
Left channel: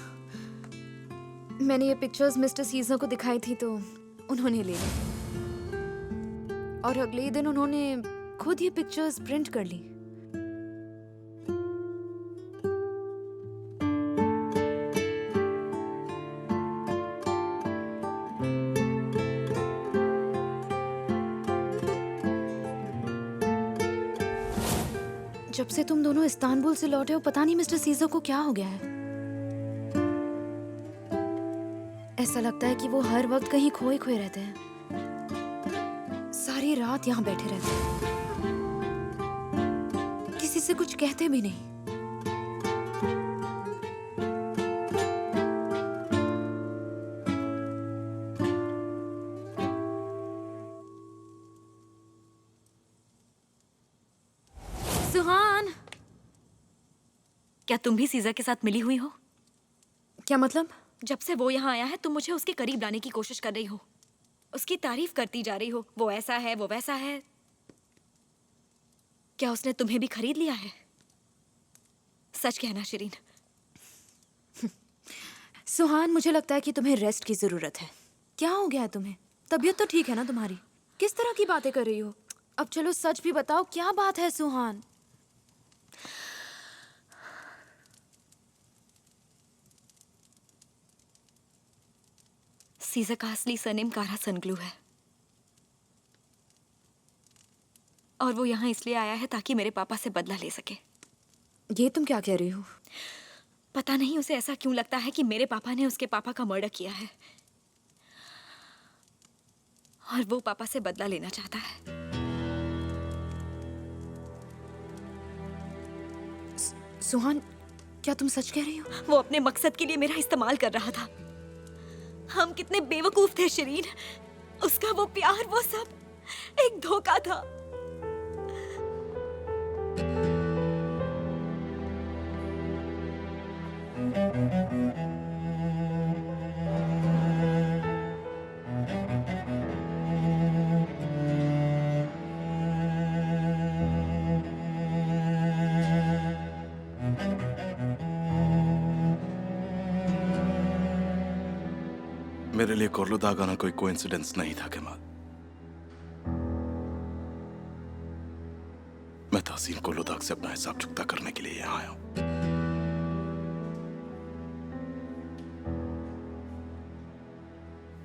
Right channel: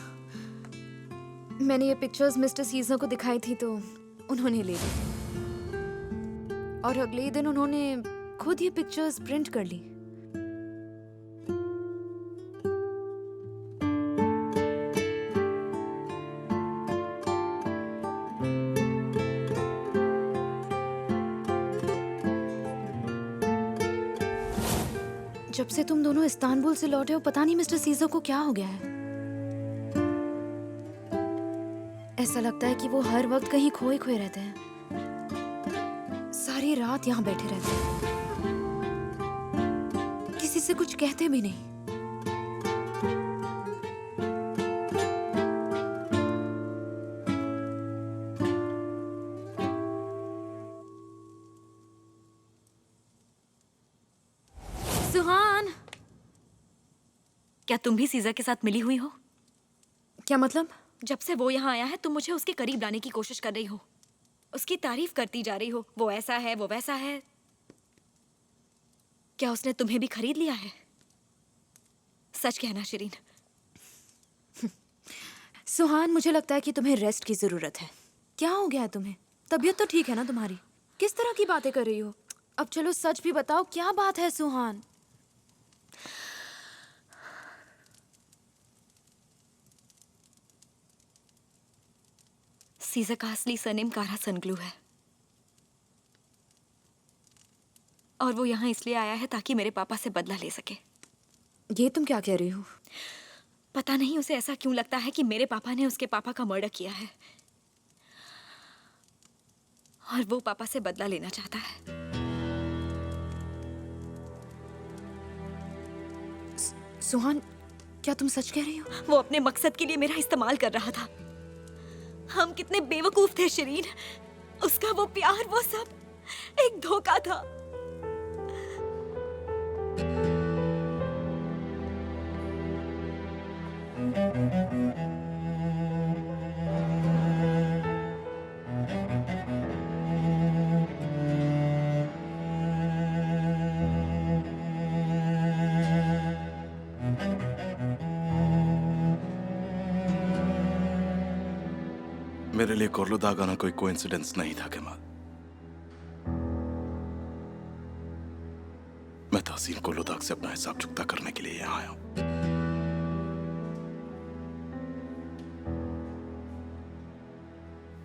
मैंने ये पिक्चर्स मिस्टर सीजर को दिखाई थी तो उन्होंने ले ली। और अगले ही दिन उन्होंने खुद ये पिक्चर्स प्रिंट कर ली। जब से तुम दोनों इस्तांबुल से लौटे हो, पता नहीं मिस्टर सीजर को क्या हो गया है। ऐसा लगता है कि वो हर वक्त कहीं खोए खोए रहते हैं। सारी रात यहाँ बैठे रहते हैं, किसी से कुछ कहते भी नहीं। सुहान, क्या तुम भी सीज़र के साथ मिली हुई हो? क्या मतलब? जब से वो यहाँ आया है तुम मुझे उसके करीब लाने की कोशिश कर रही हो, उसकी तारीफ करती जा रही हो। वो ऐसा है, वो वैसा है। क्या उसने तुम्हें भी खरीद लिया है? सच कहना शिरीन। सुहान, मुझे लगता है कि तुम्हें रेस्ट की जरूरत है। क्या हो गया है तुम्हें? तबीयत तो ठीक है ना तुम्हारी? किस तरह की बातें कर रही हो? अब चलो सच भी बताओ, क्या बात है सुहान? सीज़र का असली सरनेम कारा सनग्लू है और वो यहाँ इसलिए आया है ताकि मेरे पापा से बदला ले सके। ये तुम क्या कह रही हो? पता नहीं उसे ऐसा क्यों लगता है कि मेरे पापा ने उसके पापा का मर्डर किया है और वो पापा से बदला लेना चाहता है। सुहान, क्या तुम सच कह रही हो? वो अपने मकसद के लिए मेरा इस्तेमाल कर रहा था। हम कितने बेवकूफ थे शिरीन। उसका वो प्यार, वो सब एक धोखा था। मेरे लिए कोर्लुदाग आना कोई कोइंसिडेंस नहीं था कमाल। मैं तहसीन कोर्लुदाग से अपना हिसाब चुकता करने के लिए यहाँ आया हूं।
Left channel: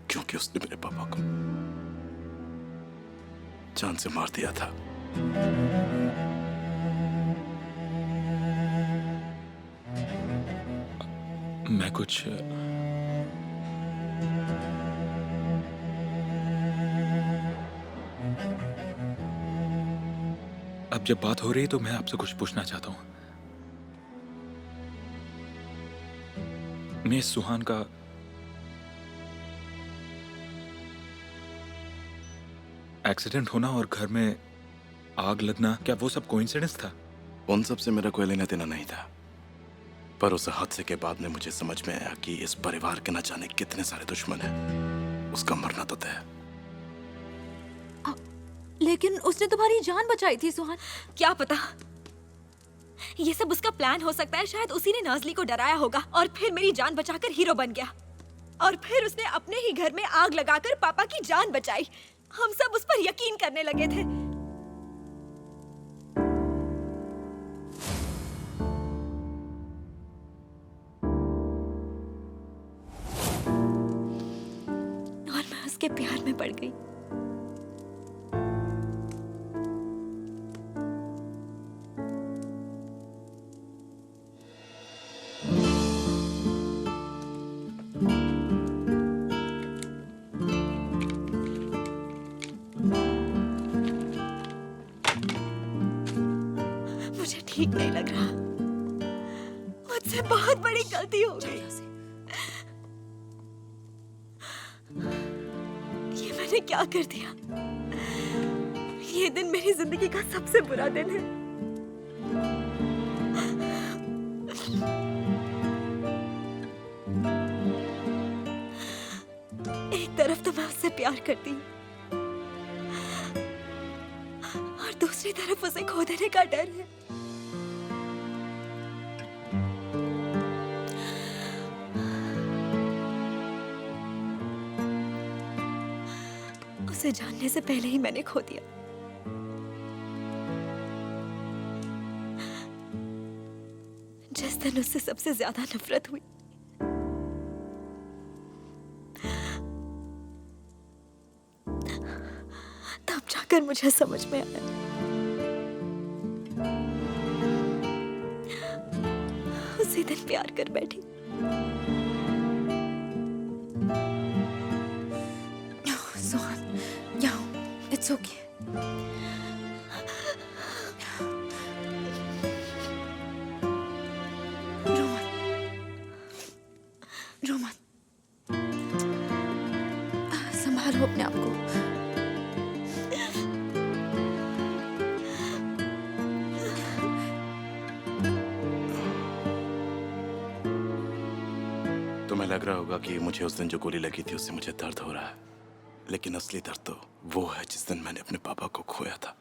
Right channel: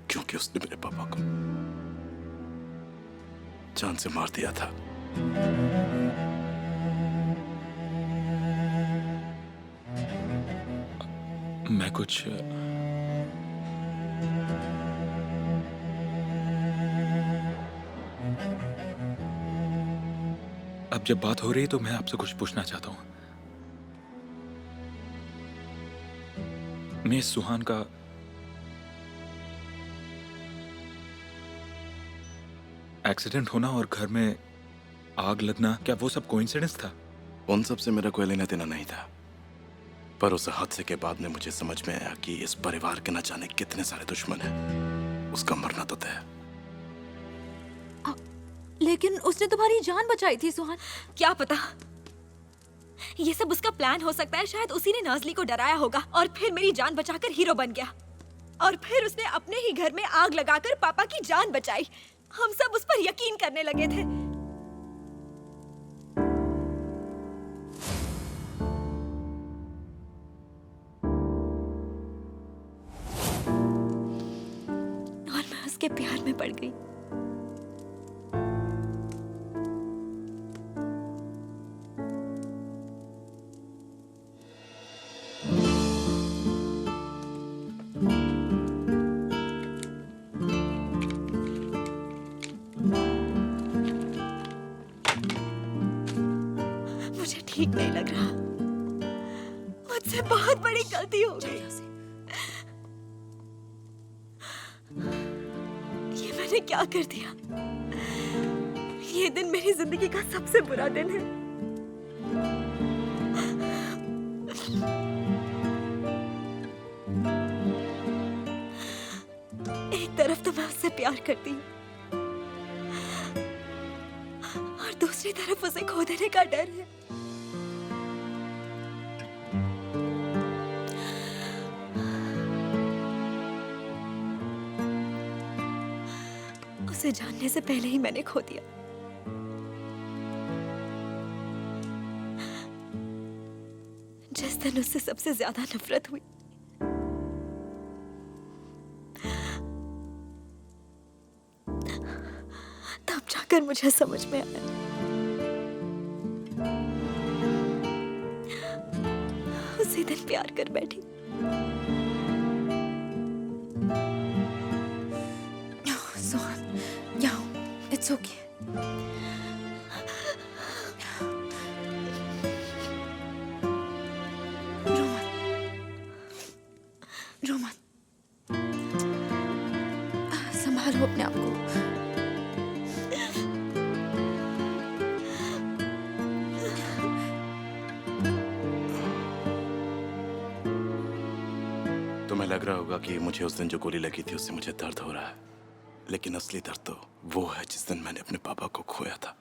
क्योंकि उसने मेरे पापा को जान से मार दिया था। मैं कुछ अब जब बात हो रही है तो मैं आपसे कुछ पूछना चाहता हूं। मैं सुहान का एक्सीडेंट होना और घर में आग लगना, क्या वो सब कोइंसिडेंस था? उन सब से मेरा कोई लेना देना नहीं था, पर उस हादसे के बाद में मुझे समझ में आया कि इस परिवार के न जाने कितने सारे दुश्मन हैं। उसका मरना तो तय है। लेकिन उसने तुम्हारी जान बचाई थी सुहान। क्या पता, ये सब उसका प्लान हो सकता है। शायद उसी ने नाज़ली को डराया होगा और फिर मेरी जान बचाकर हीरो बन गया। और फिर उसने अपने ही घर में आग लगाकर पापा की जान बचाई। हम सब उस पर यकीन करने लगे थे। और मैं उसके प्यार में पड़ गई। मुझे ठीक नहीं लग रहा। मुझसे बहुत बड़ी गलती हो गई। ये मैंने क्या कर दिया? ये दिन मेरी जिंदगी का सबसे बुरा दिन है। एक तरफ तो मैं उससे प्यार करती हूँ और दूसरी तरफ उसे खो देने का डर है। उसे जानने से पहले ही मैंने खो दिया। जिस दिन उससे सबसे ज्यादा नफरत हुई, तब जाकर मुझे समझ में आया उसी दिन प्यार कर बैठी। सुहान, यहाँ इट्स ओके। रोमन, रोमन, संभालो अपने आप को। तुम्हें लग रहा होगा कि मुझे उस दिन जो गोली लगी थी उससे मुझे दर्द हो रहा है, लेकिन असली दर्द तो वो है जिस दिन मैंने अपने पापा को खोया था।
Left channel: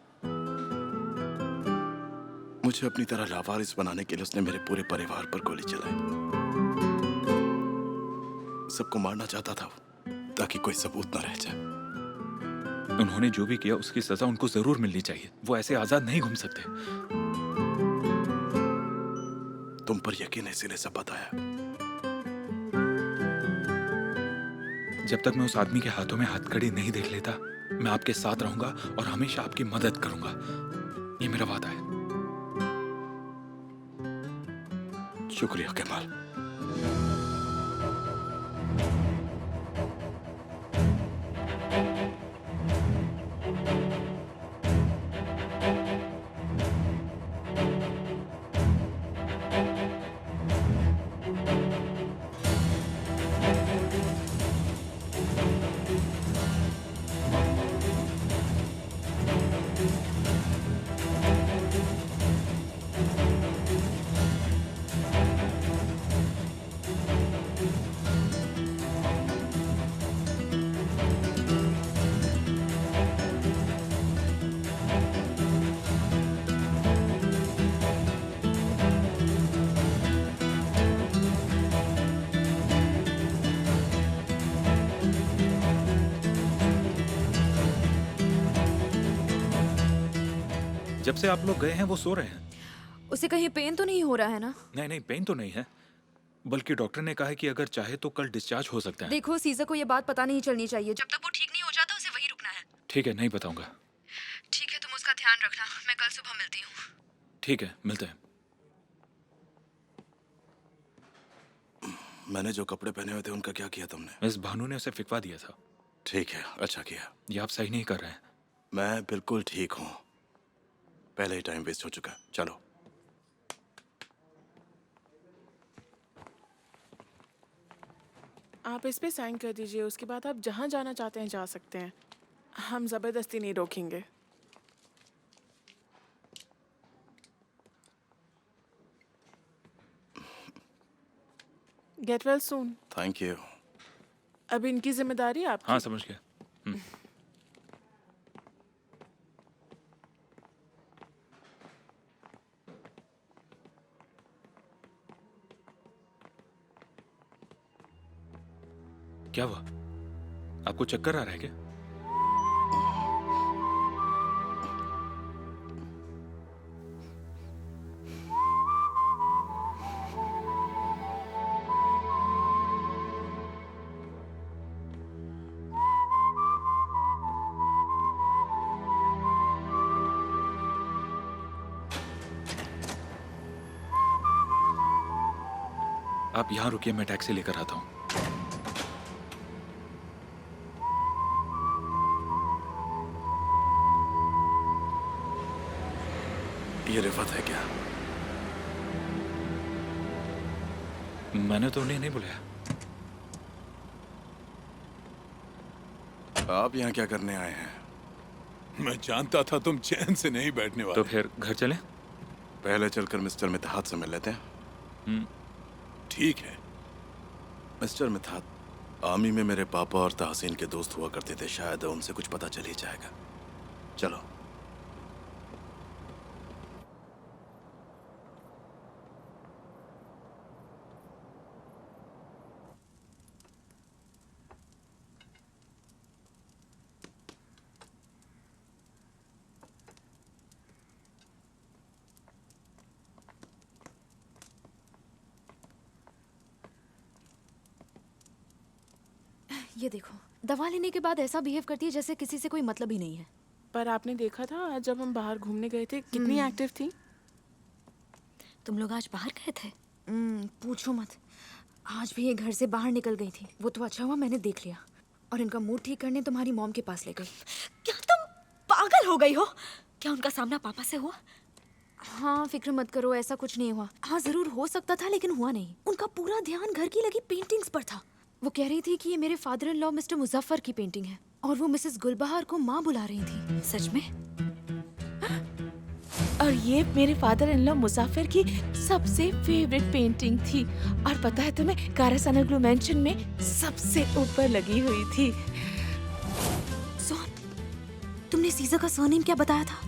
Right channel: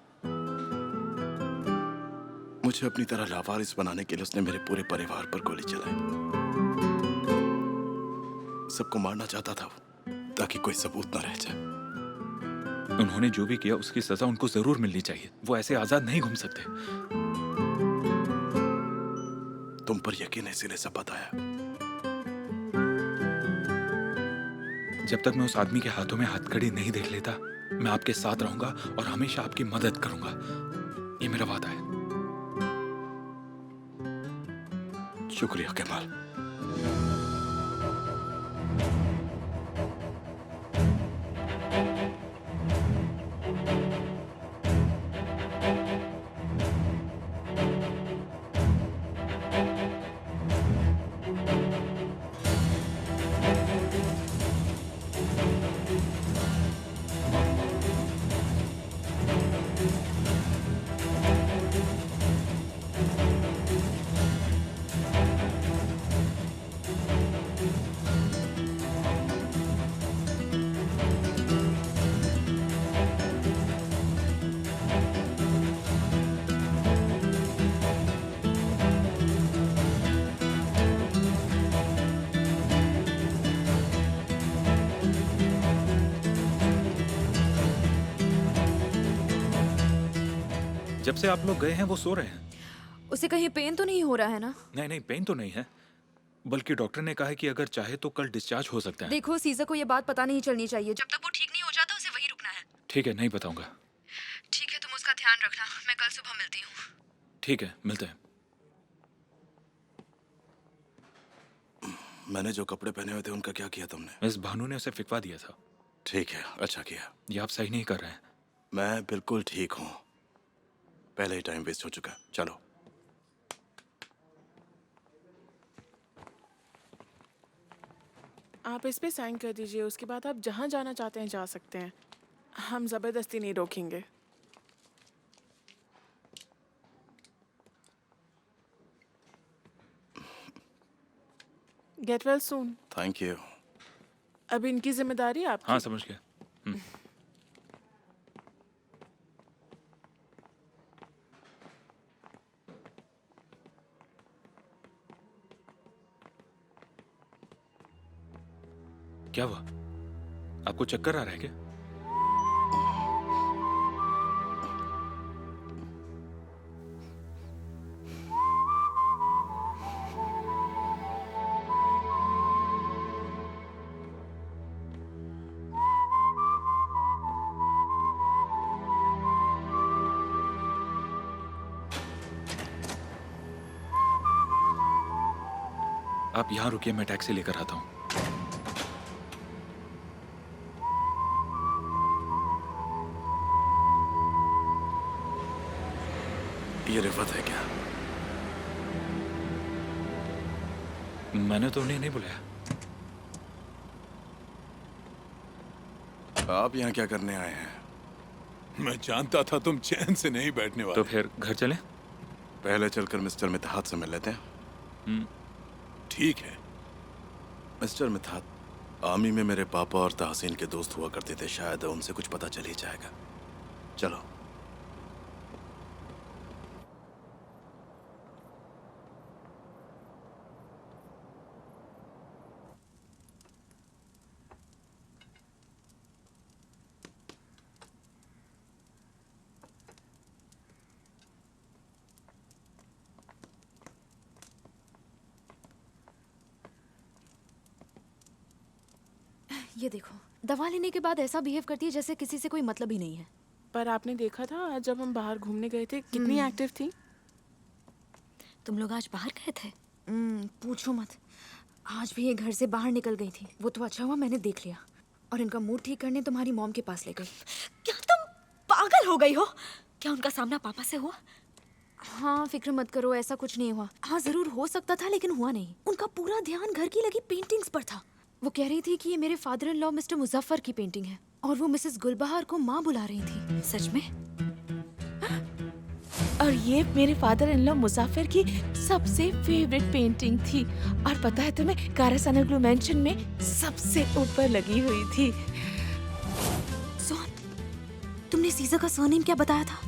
मुझे अपनी तरह लावारिस बनाने के लिए उसने मेरे पूरे परिवार पर गोली चलाई। सबको मारना चाहता था वो, ताकि कोई सबूत न रह जाए। उन्होंने जो भी किया उसकी सजा उनको जरूर मिलनी चाहिए। वो ऐसे आजाद नहीं घूम सकते। तुम पर यकीन है इसीलिए सब बताया। जब तक मैं उस आदमी के हाथों में हथकड़ी नहीं देख लेता, मैं आपके साथ रहूंगा और हमेशा आपकी मदद करूंगा। ये मेरा वादा है। शुक्रिया कमाल। जब से आप लोग गए हैं वो सो रहे हैं। उसे कहीं पेन तो नहीं हो रहा है ना? नहीं नहीं, पेन तो नहीं है, बल्कि डॉक्टर ने कहा है कि अगर चाहे तो कल डिस्चार्ज हो सकता है। देखो, सीज़र को ये बात पता नहीं चलनी चाहिए। जब तक वो ठीक नहीं हो जाता उसे वहीं रुकना है। ठीक है, नहीं बताऊंगा। ठीक है, तुम उसका ध्यान रखना। मैं कल सुबह मिलती हूँ। ठीक है, मिलते हैं। मैंने जो कपड़े पहने हुए थे उनका क्या किया तुमने? मिस भानु ने उसे फिकवा दिया था। ठीक है, अच्छा किया। ये आप सही नहीं कर रहे हैं। मैं बिल्कुल ठीक हूँ। पहले ही टाइम वेस्ट हो चुका। चलो। आप इस पे साइन कर दीजिए। उसके बाद आप जहाँ जाना चाहते हैं जा सकते हैं। हम जबरदस्ती नहीं रोकेंगे। Get well soon. Thank you. अब इनकी जिम्मेदारी आपकी। हाँ समझ गया। क्या हुआ? आपको चक्कर आ रहा है क्या? आप यहाँ रुकिए, मैं टैक्सी लेकर आता हूँ। ये रिफत है क्या? मैंने तो उन्हें नहीं बुलाया। आप यहाँ क्या करने आए हैं? मैं जानता था तुम चैन से नहीं बैठने वाले। तो फिर घर चलें? पहले चलकर मिस्टर मितहात से मिल लेते हैं। ठीक है। मिस्टर मितहात, आर्मी में मेरे पापा और तहसीन के दोस्त हुआ करते थे, शायद उनसे कुछ पता चल ही जाएगा। चलो। ये देखो, दवा लेने के बाद ऐसा बिहेव करती है जैसे किसी से कोई मतलब ही नहीं है। पर आपने देखा था आज जब हम बाहर घूमने गए थे कितनी एक्टिव थी। तुम लोग आज बाहर गए थे? पूछो मत, आज भी ये घर से बाहर निकल गई थी। वो तो अच्छा हुआ मैंने देख लिया और इनका मूड ठीक करने तुम्हारी मॉम के पास ले गई। क्या तुम पागल हो गई हो? क्या उनका सामना पापा से हुआ? हाँ फिक्र मत करो, ऐसा कुछ नहीं हुआ। हाँ जरूर हो सकता था लेकिन हुआ नहीं। उनका पूरा ध्यान घर की लगी पेंटिंग्स पर था। वो कह रही थी कि ये मेरे father in law mister Muzaffar की पेंटिंग है और वो मिसेस गुलबहार को माँ बुला रही थी। सच में? और ये मेरे फादर इन लॉ मुसाफिर की सबसे फेवरेट पेंटिंग थी। और पता है तुम्हें, कारासानाग्लू मेंशन में सबसे ऊपर लगी हुई थी। सोन, तुमने सीजा का सरनेम क्या बताया था?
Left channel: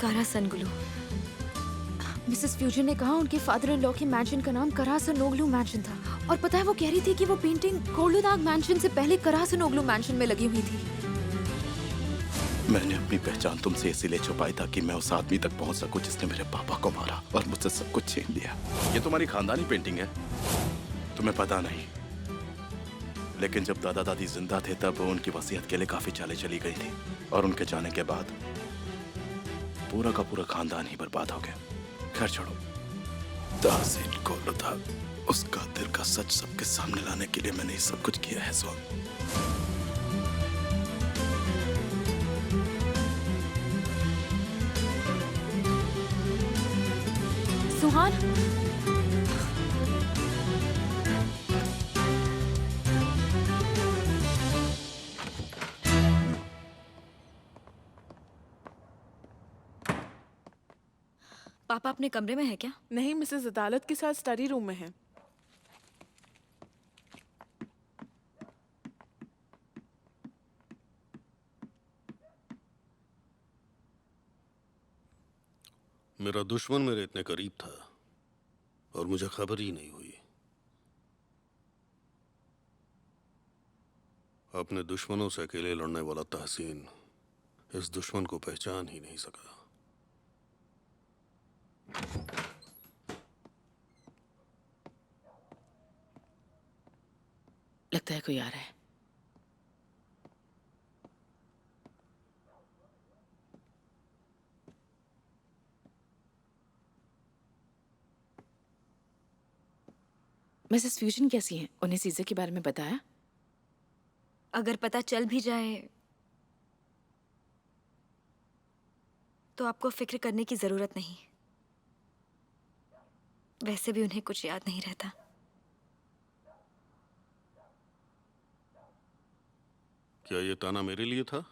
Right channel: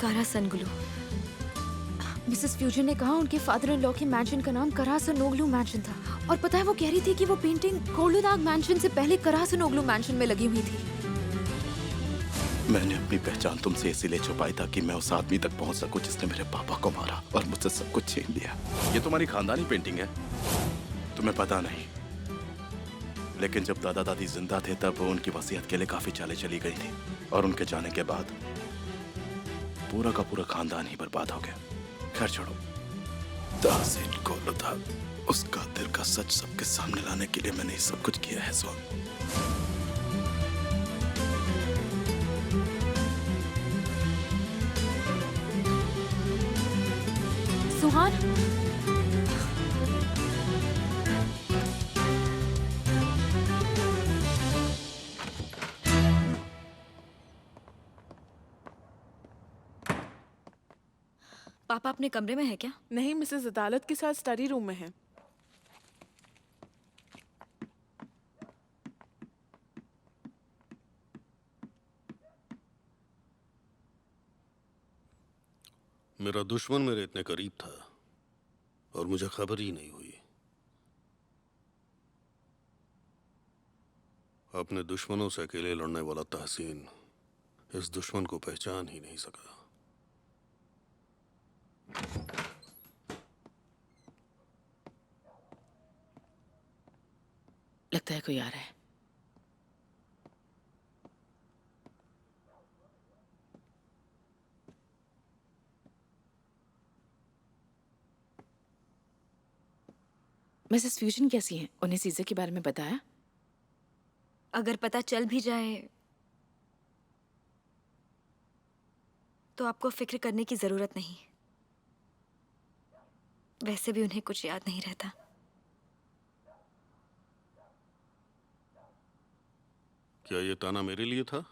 कारासनगुलू। मिसेस फ्यूजन ने कहा उनके फादर इन लॉ के मैंशन का नाम करासनोग्लू मैंशन था। और पता है वो कह रही थी कि वो पेंटिंग कोलुदाग मैंशन से पहले करासनोग्लू मैंशन में लगी हुई थी। मैंने अपनी पहचान तुमसे इसीलिए छुपाई ताकि मैं उस आदमी तक पहुंच सकूं जिसने मेरे पापा को मारा और मुझसे सब कुछ छीन लिया। ये तुम्हारी खानदानी पेंटिंग है, तुम्हें पता नहीं। लेकिन जब दादा दादी जिंदा थे तब उनकी वसीयत के लिए काफी चालें चली गई थी और उनके जाने के बाद पूरा का पूरा खानदान ही बर्बाद हो गया। खैर छोड़ो, तहसीन कोलुदाग, उस कातिल का सच सबके सामने लाने के लिए मैंने ये सब कुछ किया है। सुहान, पापा अपने कमरे में है क्या? नहीं, मिसेस अदालत के साथ स्टडी रूम में है। मेरा दुश्मन मेरे इतने करीब था और मुझे खबर ही नहीं हुई। अपने दुश्मनों से अकेले लड़ने वाला तहसीन इस दुश्मन को पहचान ही नहीं सका। लगता है कोई आ रहा है। मिसेस फ्यूजन कैसी हैं? उन्हें सीज़र के बारे में बताया? अगर पता चल भी जाए तो आपको फिक्र करने की जरूरत नहीं। वैसे भी उन्हें कुछ याद नहीं रहता। क्या ये ताना मेरे लिए था?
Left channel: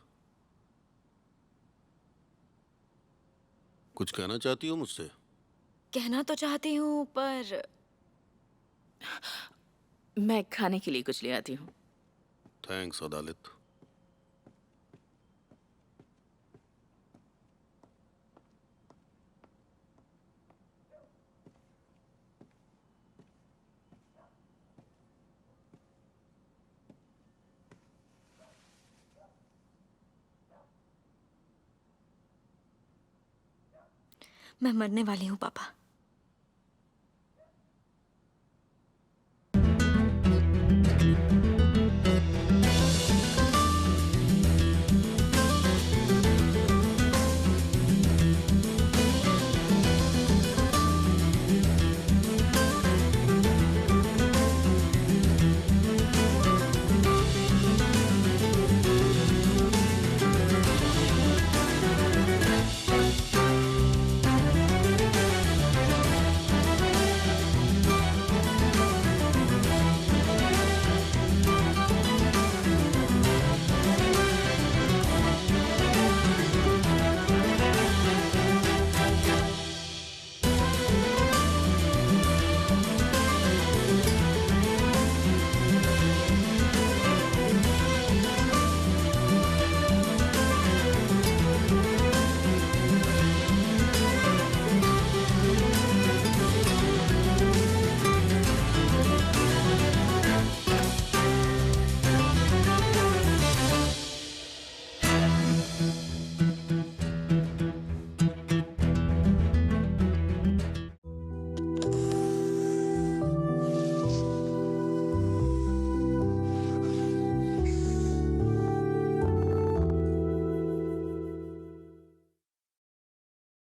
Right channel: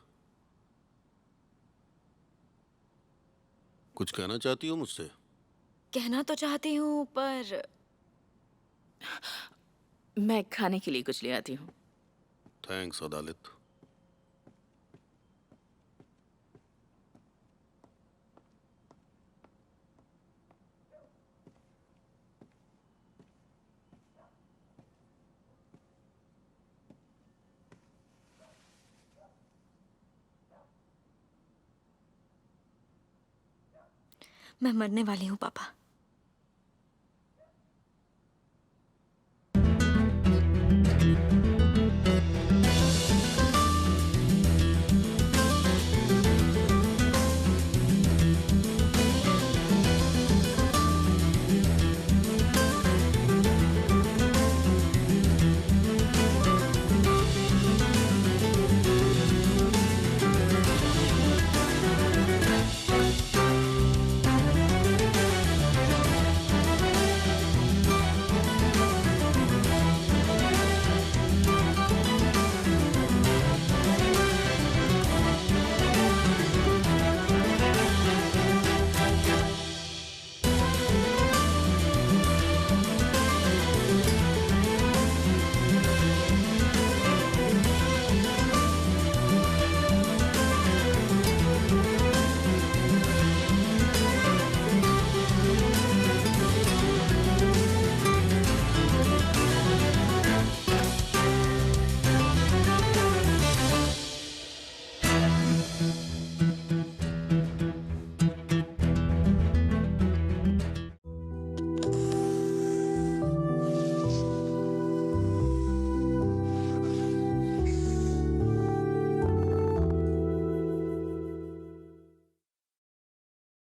कुछ कहना चाहती हो मुझसे? कहना तो चाहती हूँ पर मैं खाने के लिए कुछ ले आती हूँ। थैंक्स अदालत। मैं मरने वाली हूँ पापा।